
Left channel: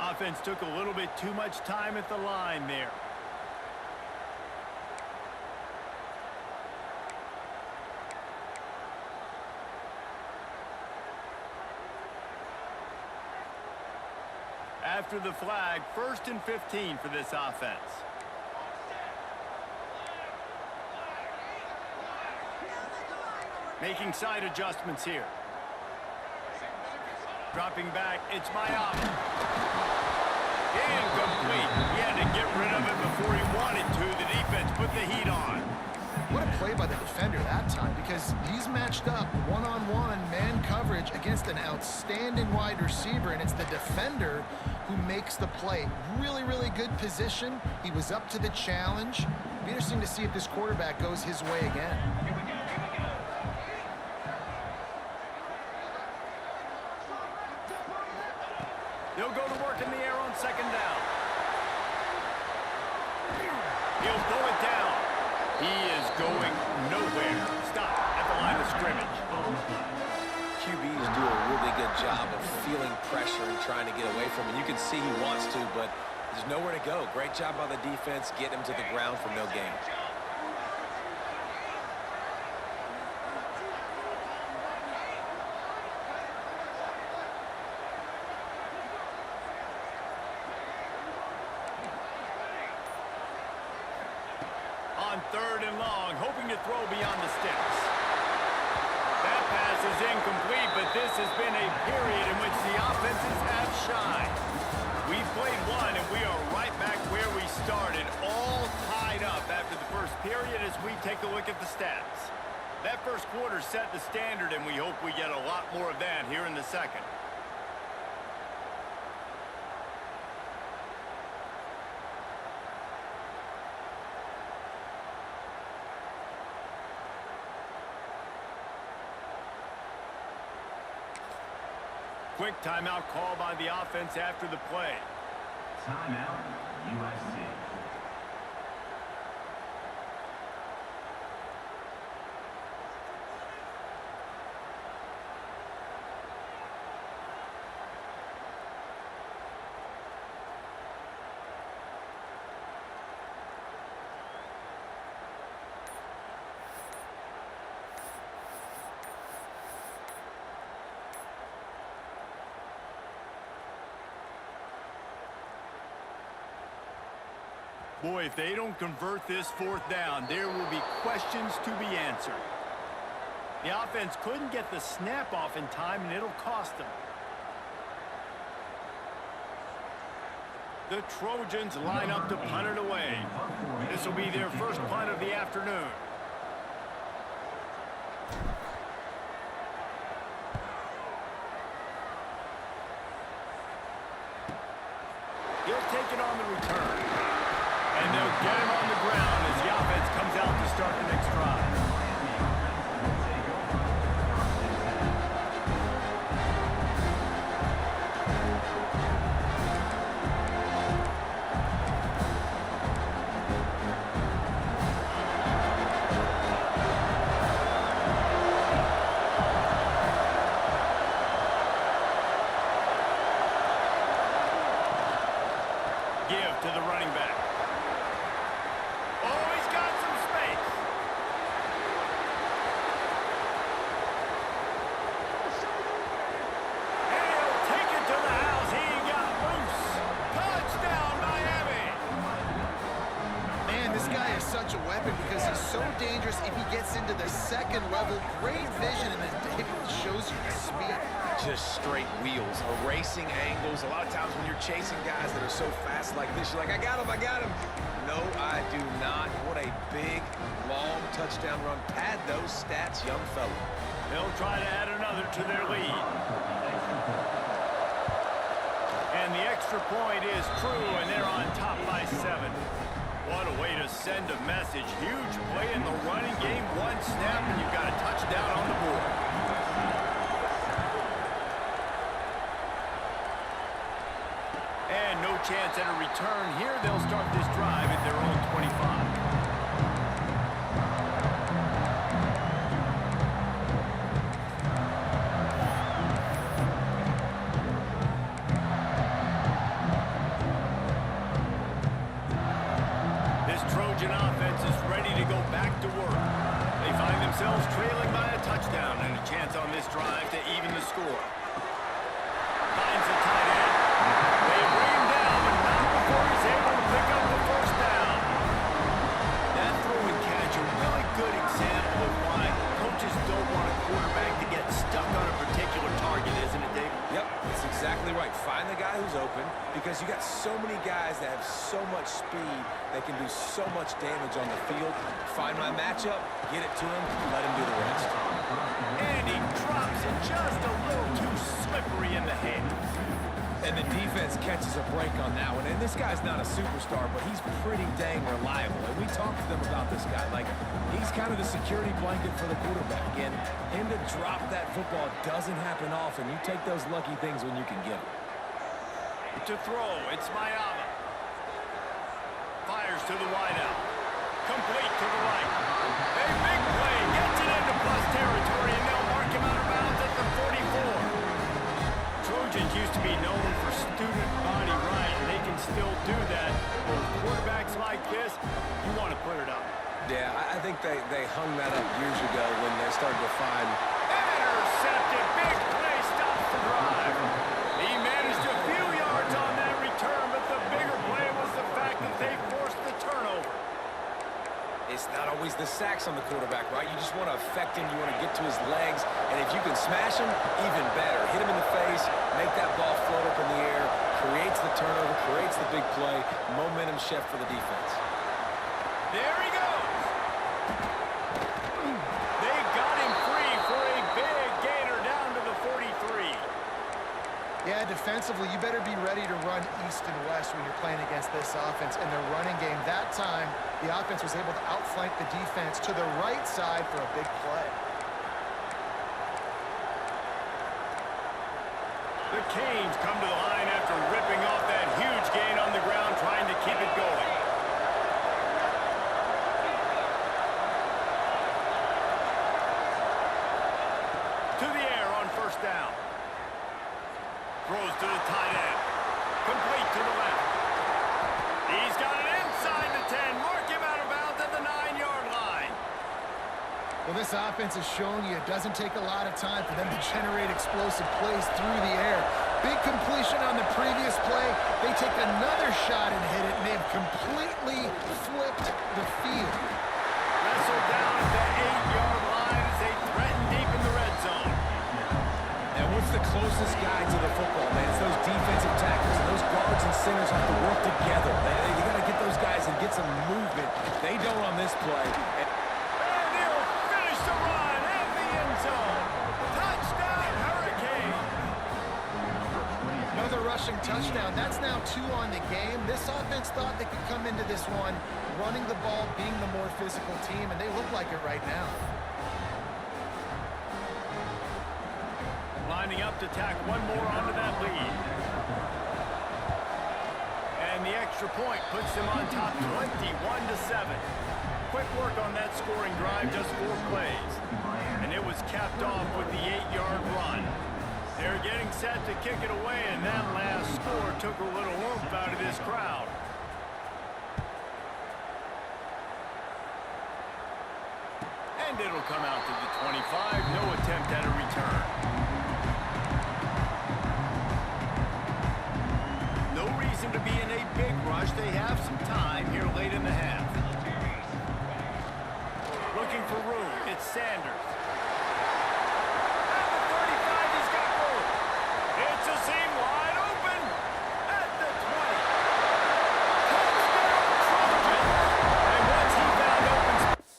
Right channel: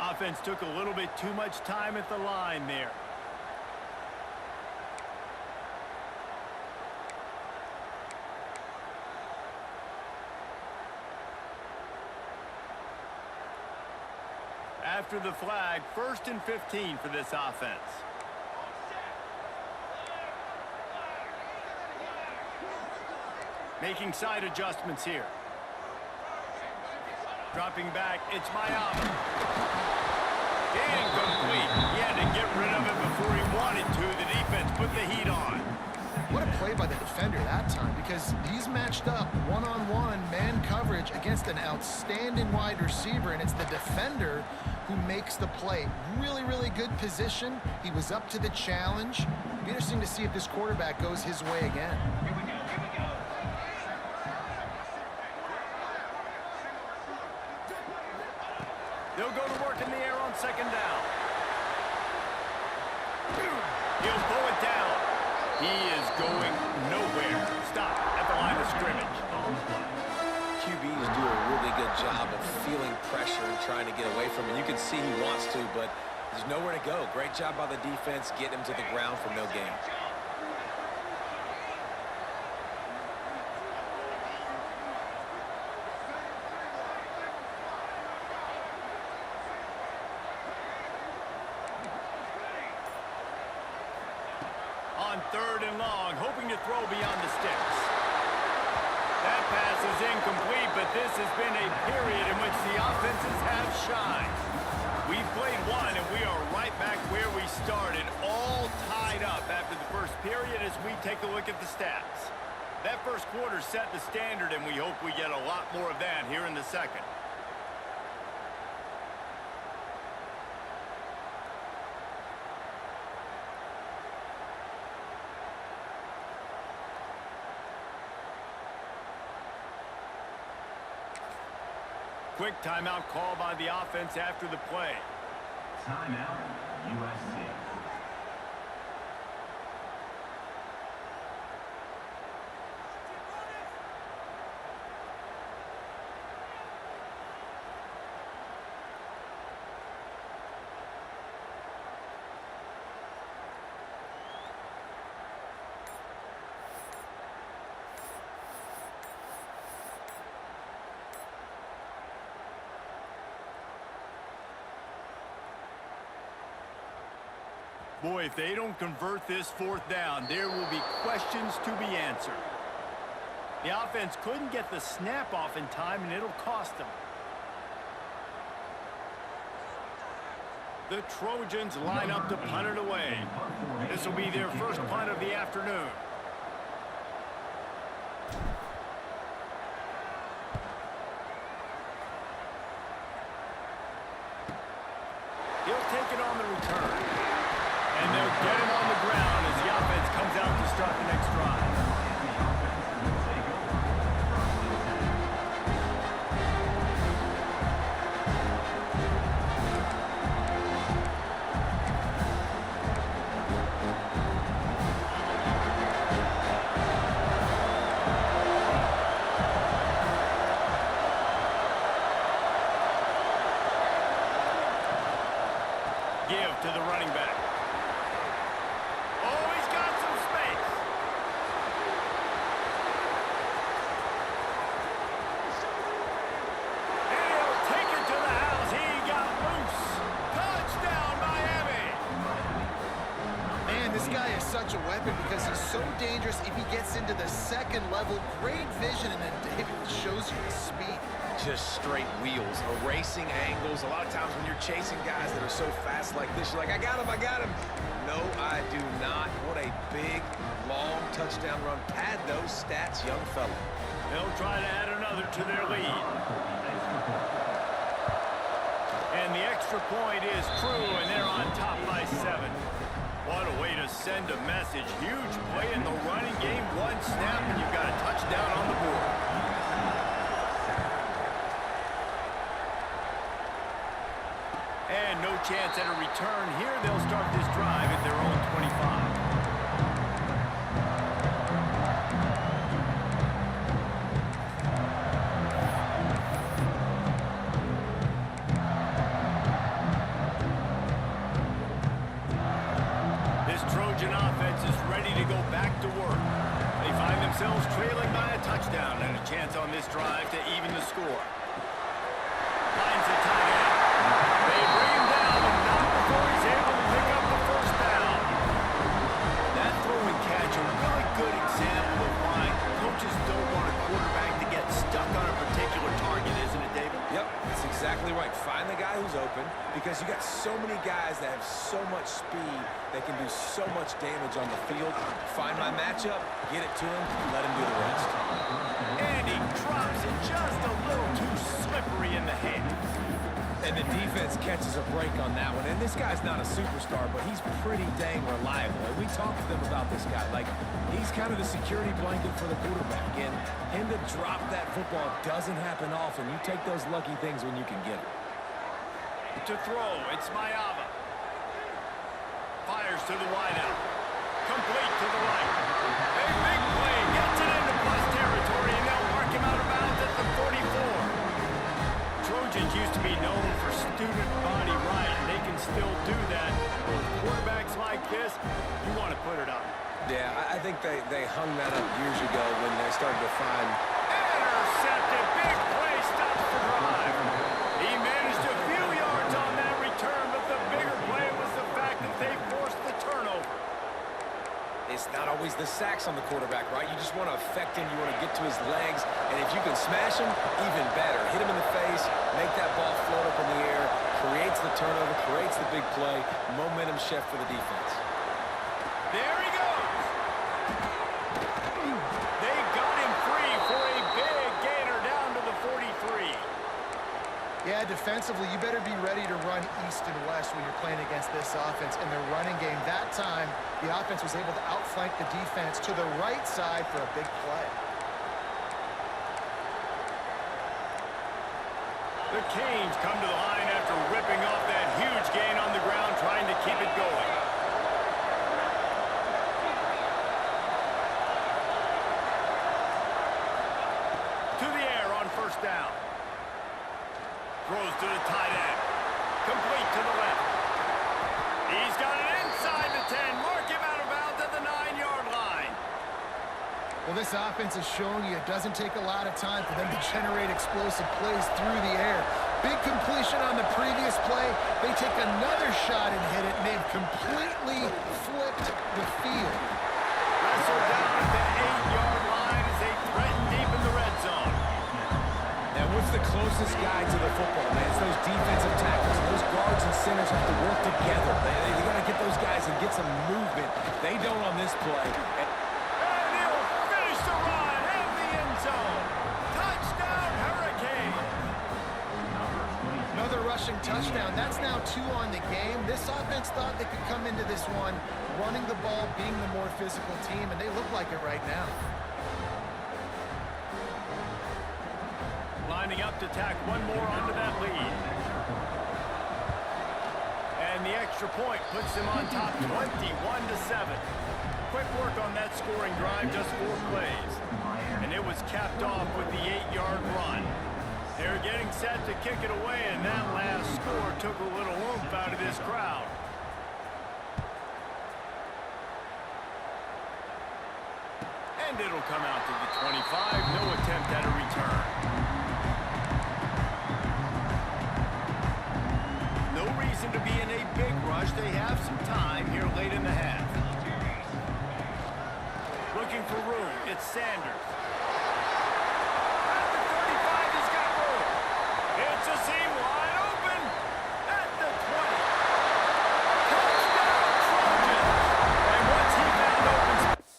Offense took a little bit too much time at the line there. After the flag, 1st and 15 for this offense. Making side adjustments here. Dropping back, it's Miami. Incomplete. He had to get rid of it before he wanted to. The defense put the heat on. What a play by the defender that time, because he's matched up one-on-one man coverage against an outstanding wide receiver, and it's the defender who makes the play. Really, really good position. He was up to the challenge. Be interesting to see if this quarterback goes his way again. Here we go, here we go. They'll go to work in the air on 2nd down. He'll pull it down. He is going nowhere. Stop at the line of scrimmage. QBs do a really good job of feeling pressure and trying to get away from it. You can see he wants to, but there's nowhere to go. Great job by the defense, get him to the ground for no gain. On 3rd and long, hoping to throw beyond the sticks. That pass is incomplete, but this has been a period in which the offenses have shined. We've played one, and we are right back where we started, all tied up after the first period as we take a look at the stats. That first quarter set the standard, and we hope we get a lot more of that here in the second. Quick timeout call by the offense after the play. Timeout, USC. Boy, if they don't convert this 4th down, there will be questions to be answered. The offense couldn't get the snap off in time, and it'll cost them. The Trojans line up to punt it away. This will be their first punt of the afternoon. He'll take it on the return. And they'll get him on the ground as the offense comes out to start the next drive. Give to the running back. Oh, he's got some space. And he'll take it to the house. He got loose. Touchdown, Miami. Man, this guy is such a weapon because he's so dangerous if he gets into the 2nd level. Great vision, and then David shows you the speed. Just straight wheels, erasing angles. A lot of times when you're chasing guys that are so fast like this, you're like, I got him, I got him. No, I do not. What a big, long touchdown run. Pad those stats, young fella. They'll try to add another to their lead. And the extra point is true, and they're on top by 7. What a way to send a message. Huge play in the running game. 1 snap, and you've got a touchdown on the board. And no chance at a return here. They'll start this drive at their own 25. to go back to work. They find themselves trailing by a touchdown and a chance on this drive to even the score. Finds the tight end. They bring him down, but not before he's able to pick up the first down. That throw and catch, a really good example of why coaches don't want a quarterback to get stuck on a particular target, isn't it, David? Yep, it's exactly right. Find the guy who's open, because you got so many guys that have so much speed that can do so much damage on the field. Find my matchup, get it to him, let him do the rest. And he drops it just a little too slippery in the hands. And the defense catches a break on that one. And this guy's not a superstar, but he's pretty dang reliable. And we talked to them about this guy. Like, he's kind of the security blanket for the quarterback. And him to drop that football doesn't happen often. You take those lucky things when you can get them. To throw, it's Mayava. Fires to the wideout. Complete to the right. A big play gets it into plus territory, and they'll mark him out of bounds at the 44. Trojans used to be known for student body right, and they can still do that. But with quarterbacks like this, you want to put it up. Yeah, I think they hung that up years ago when they started to find... Intercepted. Big play stops the drive. He managed a few yards on that return, but the bigger play was the fact that they forced the turnover. It's not always the sacks on the quarterback, right? You just want to affect him. You want to get to his legs. And if you can smash him, even better. Hit him in the face, make that ball float up in the air, creates the turnover, creates the big play. Momentum shift for the defense. There he goes. They got him free for a big gainer down to the 43. Yeah, defensively, you better be ready to run east and west when you're playing against this offense. In their running game, that time, the offense was able to outflank the defense to the right side for a big play. The Canes come to the line after ripping off that huge gain on the ground, trying to keep it going. To the air on first down. Throws to the tight end. Complete to the left. He's got it inside the 10. Mark him out of bounds at the 9-yard line. Well, this offense has shown you it doesn't take a lot of time for them to generate explosive plays through the air. Big completion on the previous play. They take another shot and hit it, and they've completely flipped the field. Wrestled down at the 8-yard line as they threaten deep in the red zone. And what's the closest guy to the football, man? It's those defensive tackles. And those guards and centers have to work together. They got to get those guys and get some movement. They don't on this play. And he'll finish the run and the end zone. Touchdown, Hurricane. Another rushing touchdown. That's now 2 on the game. This offense thought they could come into this one running the ball, being the more physical team, and they look like it right now. Lining up to tack one more onto that lead. And the extra point puts them on top 21-7. Quick work on that scoring drive, just 4 plays. And it was capped off with the 8-yard run. They're getting set to kick it away, and that last score took a little oomph out of this crowd. And it'll come out to the 25. No attempt at a return. No reason to be in a big rush. They have some time here late in the half. Looking for room. It's Sanders. At the 35, he's got room. It's a seam wide open. At the 20. Touchdown, Trojans. And once he found open space.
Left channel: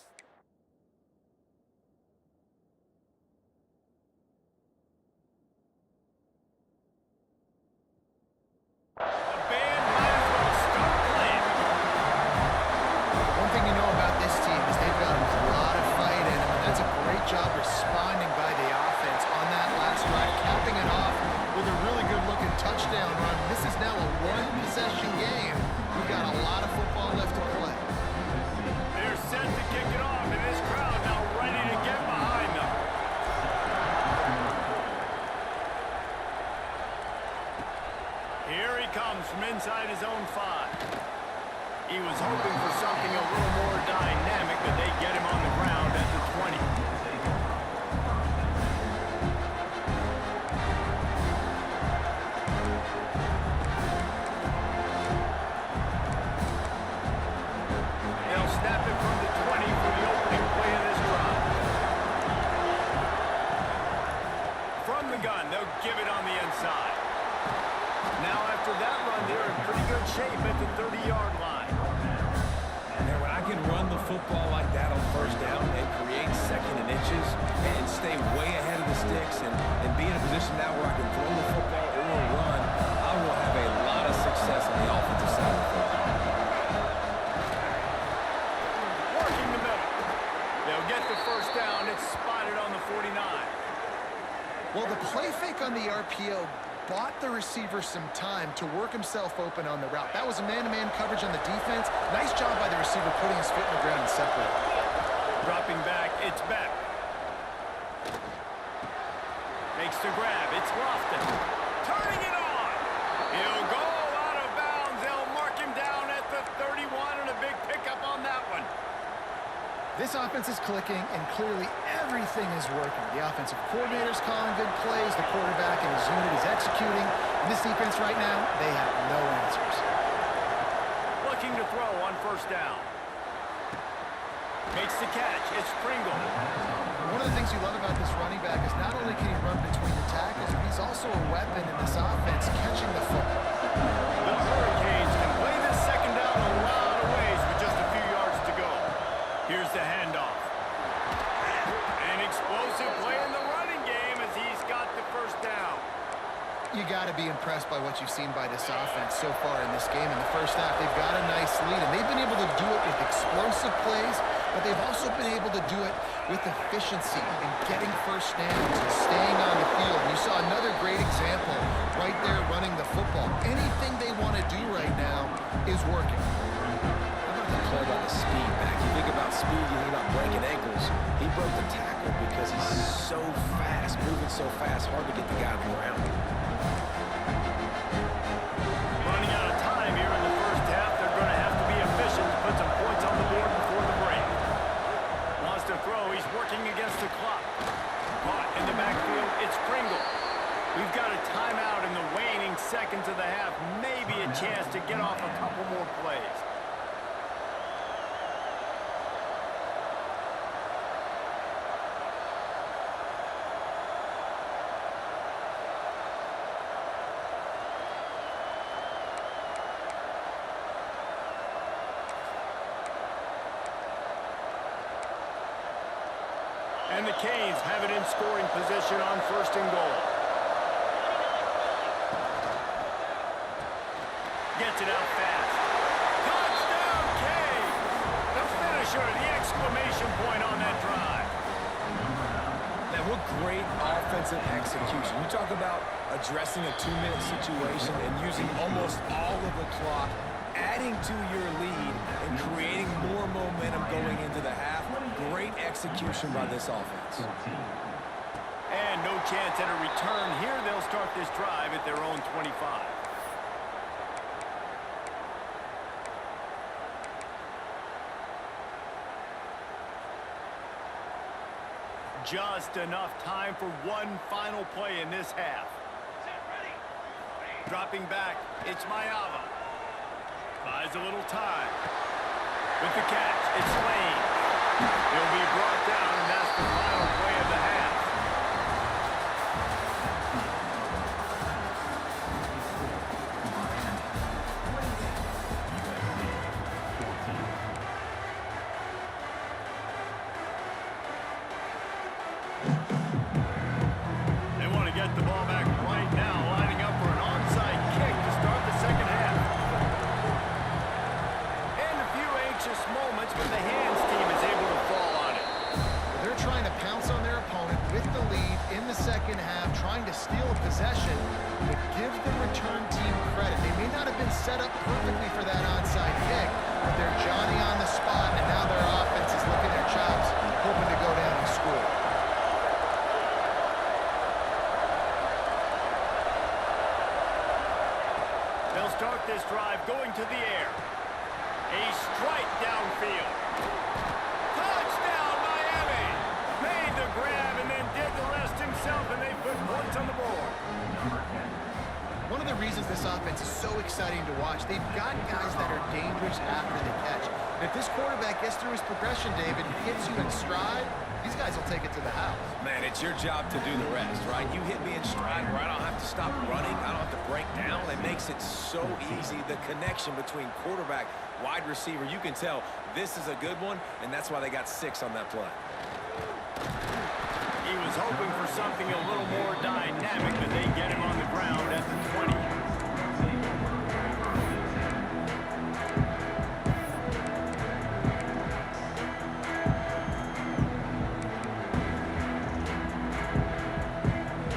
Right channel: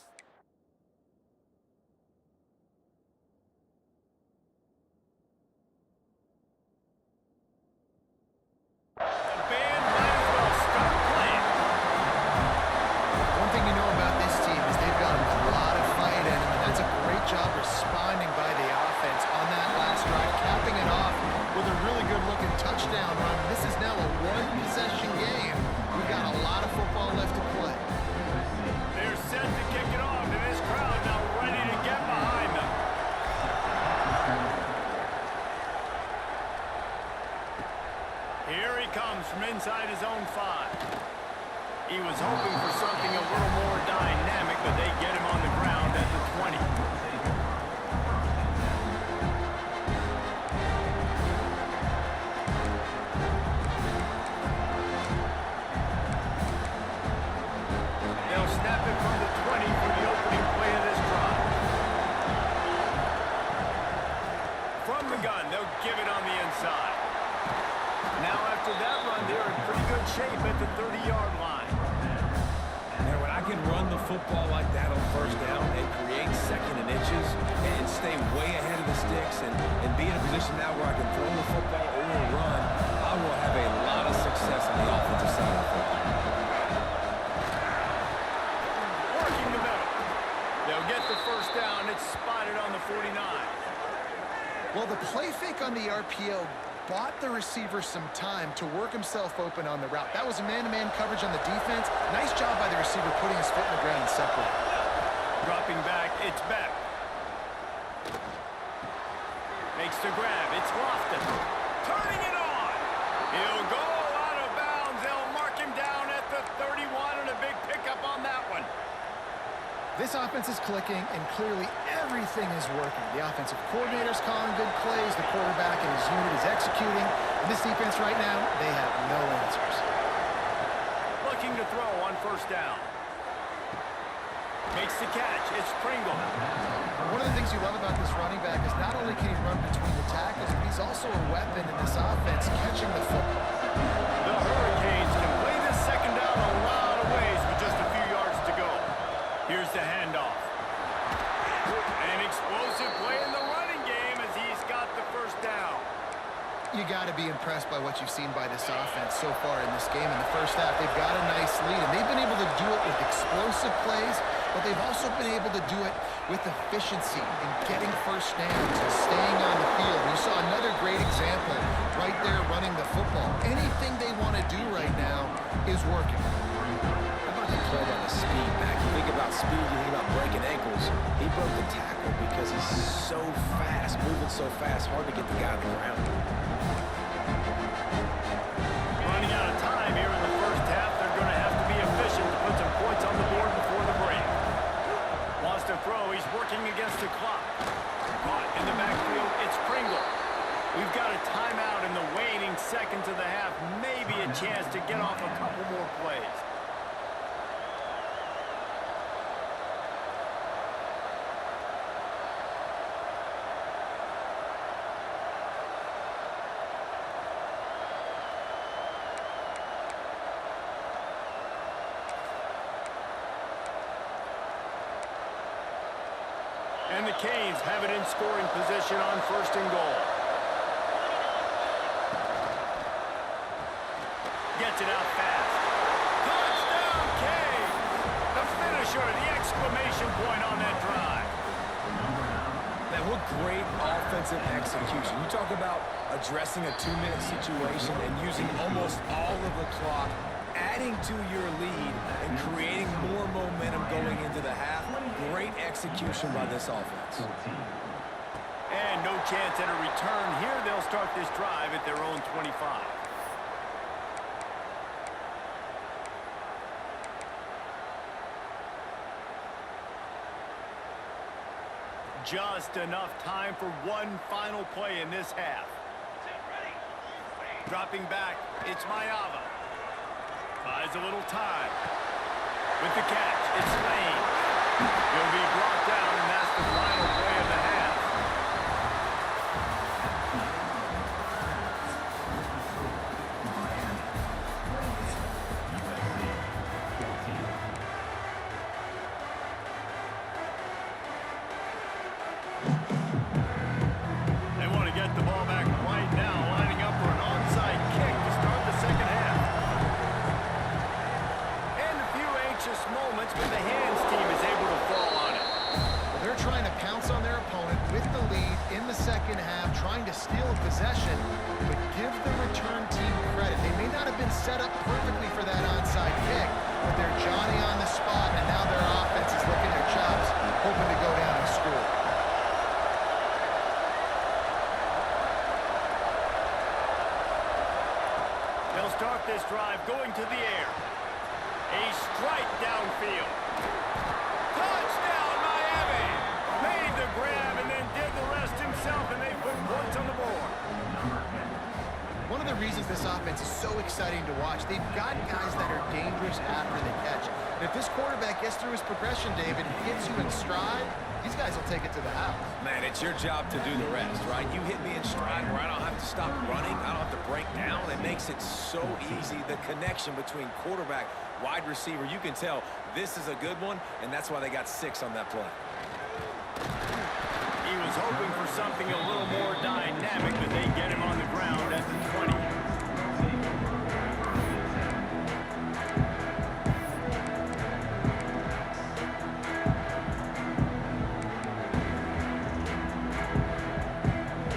Job responding by the offense on that last drive, capping it off with a really good-looking touchdown run. This is now a one-possession game. We've got a lot of football left to play. They're set to kick it off, and this crowd now ready to get behind them. Here he comes from inside his own 5. He was hoping for something a little more dynamic, but they get him on the ground at the 20. They'll snap it from the 20 for the opening play of this drive. From the gun, they'll give it on the inside. Now after that run, they're in pretty good shape at the 30-yard line. And when I can run the football like that on first down and create second and inches and stay way ahead of the sticks and be in a position now where I can throw the football or run, I will have a lot of success on the offensive side of the football. Working the middle. They'll get the first down. It's spotted on the 49. Well, the play fake on the RPO bought the receiver some time to work himself open on the route. That was a man-to-man coverage on the defense. Nice job by the receiver putting his foot in the ground and separating. Dropping back, it's back. Makes the grab, it's Lofton. Turning it on. He'll go out of bounds. They'll mark him down at the 31 and a big pickup on that one. This offense is clicking, and clearly everything is working. The offensive coordinator's calling good plays. The quarterback and his unit is executing. And this defense right now, they have no answers. Looking to throw on first down. Makes the catch. It's Pringle. One of the things you love about this running back is not only can he run between the tackles, but he's also a weapon in this offense catching the football. The Hurricanes can play this second down a lot of ways with just a few yards to go. Here's the handoff. An explosive play in the running game as he's got the first down. You got to be impressed by what you've seen by this offense so far in this game. In the first half, they've got a nice lead, and they've been able to do it with explosive plays, but they've also been able to do it with efficiency and getting first downs and staying on the field. You saw another great example right there running the football. Anything they want to do right now is working. The play by the speed back. You think about speed, you think about breaking ankles. He broke the tackle because he's so fast, moving so fast, hard to get the guy on the ground. Running out of time here in the first half. They're going to have to be efficient to put some points on the board before the break. Wants to throw. He's working against the clock. Caught in the backfield. It's Pringle. We've got a timeout in the waning seconds of the half. Maybe a chance to get off a couple more plays. And the Canes have it in scoring position on first and goal. Gets it out fast. Touchdown, Canes! The finisher, the exclamation point on that drive. Man, what great offensive execution. You talk about addressing a 2-minute situation and using almost all of the clock, adding to your lead and creating more momentum going into the half. Great execution by this offense. And no chance at a return here. They'll start this drive at their own 25. Just enough time for one final play in this half. Dropping back, it's Mayava. Buys a little time. With the catch, it's Lane. He'll be brought down, and that's the final play of the half. They want to get the ball back right now, lining up for an onside kick to start the second half. Anxious moments when the hands team is able to fall on it. Well, they're trying to pounce on their opponent with the lead in the second half, trying to steal a possession, but give the return team credit. They may not have been set up perfectly for that onside kick, but they're Johnny on the spot, and now their offense is licking their chops, hoping to go down and score. They'll start this drive going to the air. A strike downfield. Touchdown, Miami! Made the grab and then did the rest himself, and they put points on the board. One of the reasons this offense is so exciting to watch, they've got guys that are dangerous after the catch. And if this quarterback gets through his progression, David, and hits you in stride, these guys will take it to the house. Man, it's your job to do the rest, right? You hit me in stride where I don't have to stop running. I don't have to break down. It makes it so easy. The connection between quarterback, wide receiver, you can tell this is a good one, and that's why they got 6 on that play. He was hoping for something a little more dynamic, but they get him on the ground at the 20.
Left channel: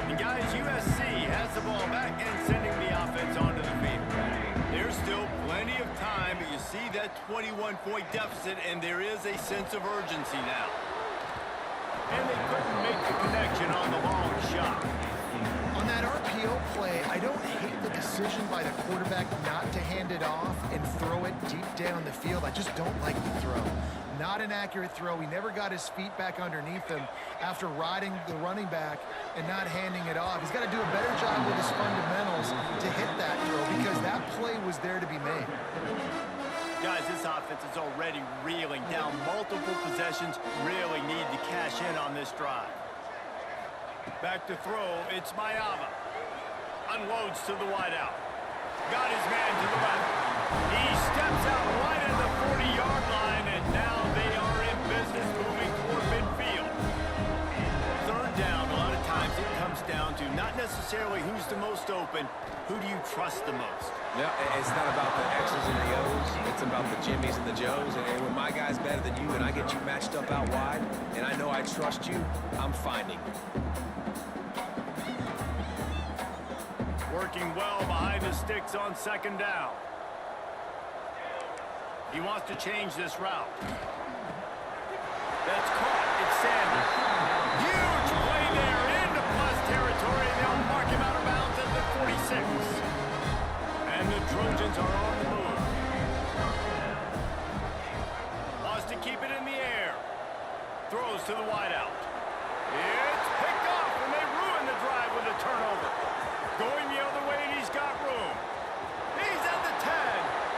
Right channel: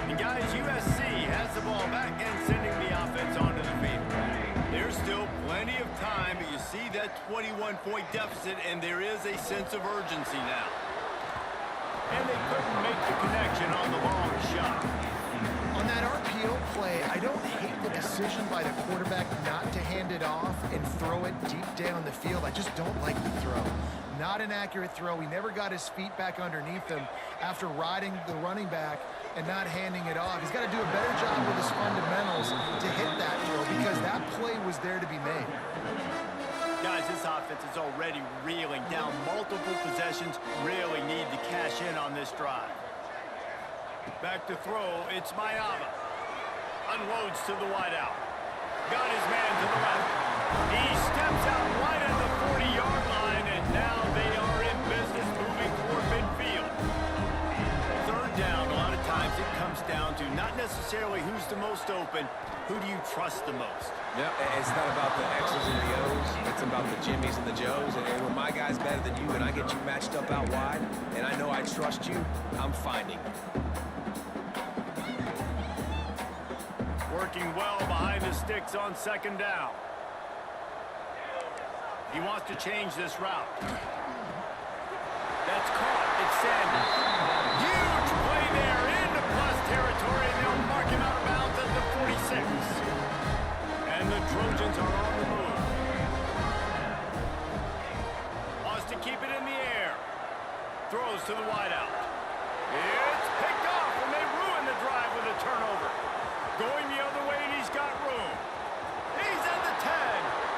And guys, USC has the ball back and sending the offense onto the field. There's still plenty of time, but you see that 21-point deficit, and there is a sense of urgency now. And they couldn't make the connection on the long shot. On that RPO play, I don't hate the decision by the quarterback not to hand it off and throw it deep down the field. I just don't like the throw. Not an accurate throw. He never got his feet back underneath him after riding the running back and not handing it off. He's got to do a better job with his fundamentals to hit that throw because that play was there to be made. Guys, this offense is already reeling down multiple possessions. Really need to cash in on this drive. Back to throw, it's Mayava. Unloads to the wideout. Got his man to the left. He steps out right at the 40-yard line, and now they are in business moving toward midfield. Third down, a lot of times it comes down to not necessarily who's the most open, who do you trust the most? Yeah, it's not about the X's and the O's. It's about the Jimmys and the Joes. And when my guy's better than you and I get you matched up out wide, and I know I trust you, I'm finding you. Working well behind the sticks on second down. He wants to change this route. That's caught. It's Sanders. Huge play there into plus territory, and they'll mark him out of bounds at the 46. And the Trojans are on the move. Wants to keep it in the air. Throws to the wideout. It's picked off, and they ruin the drive with a turnover. Going the other way, and he's got room. He's at the 10.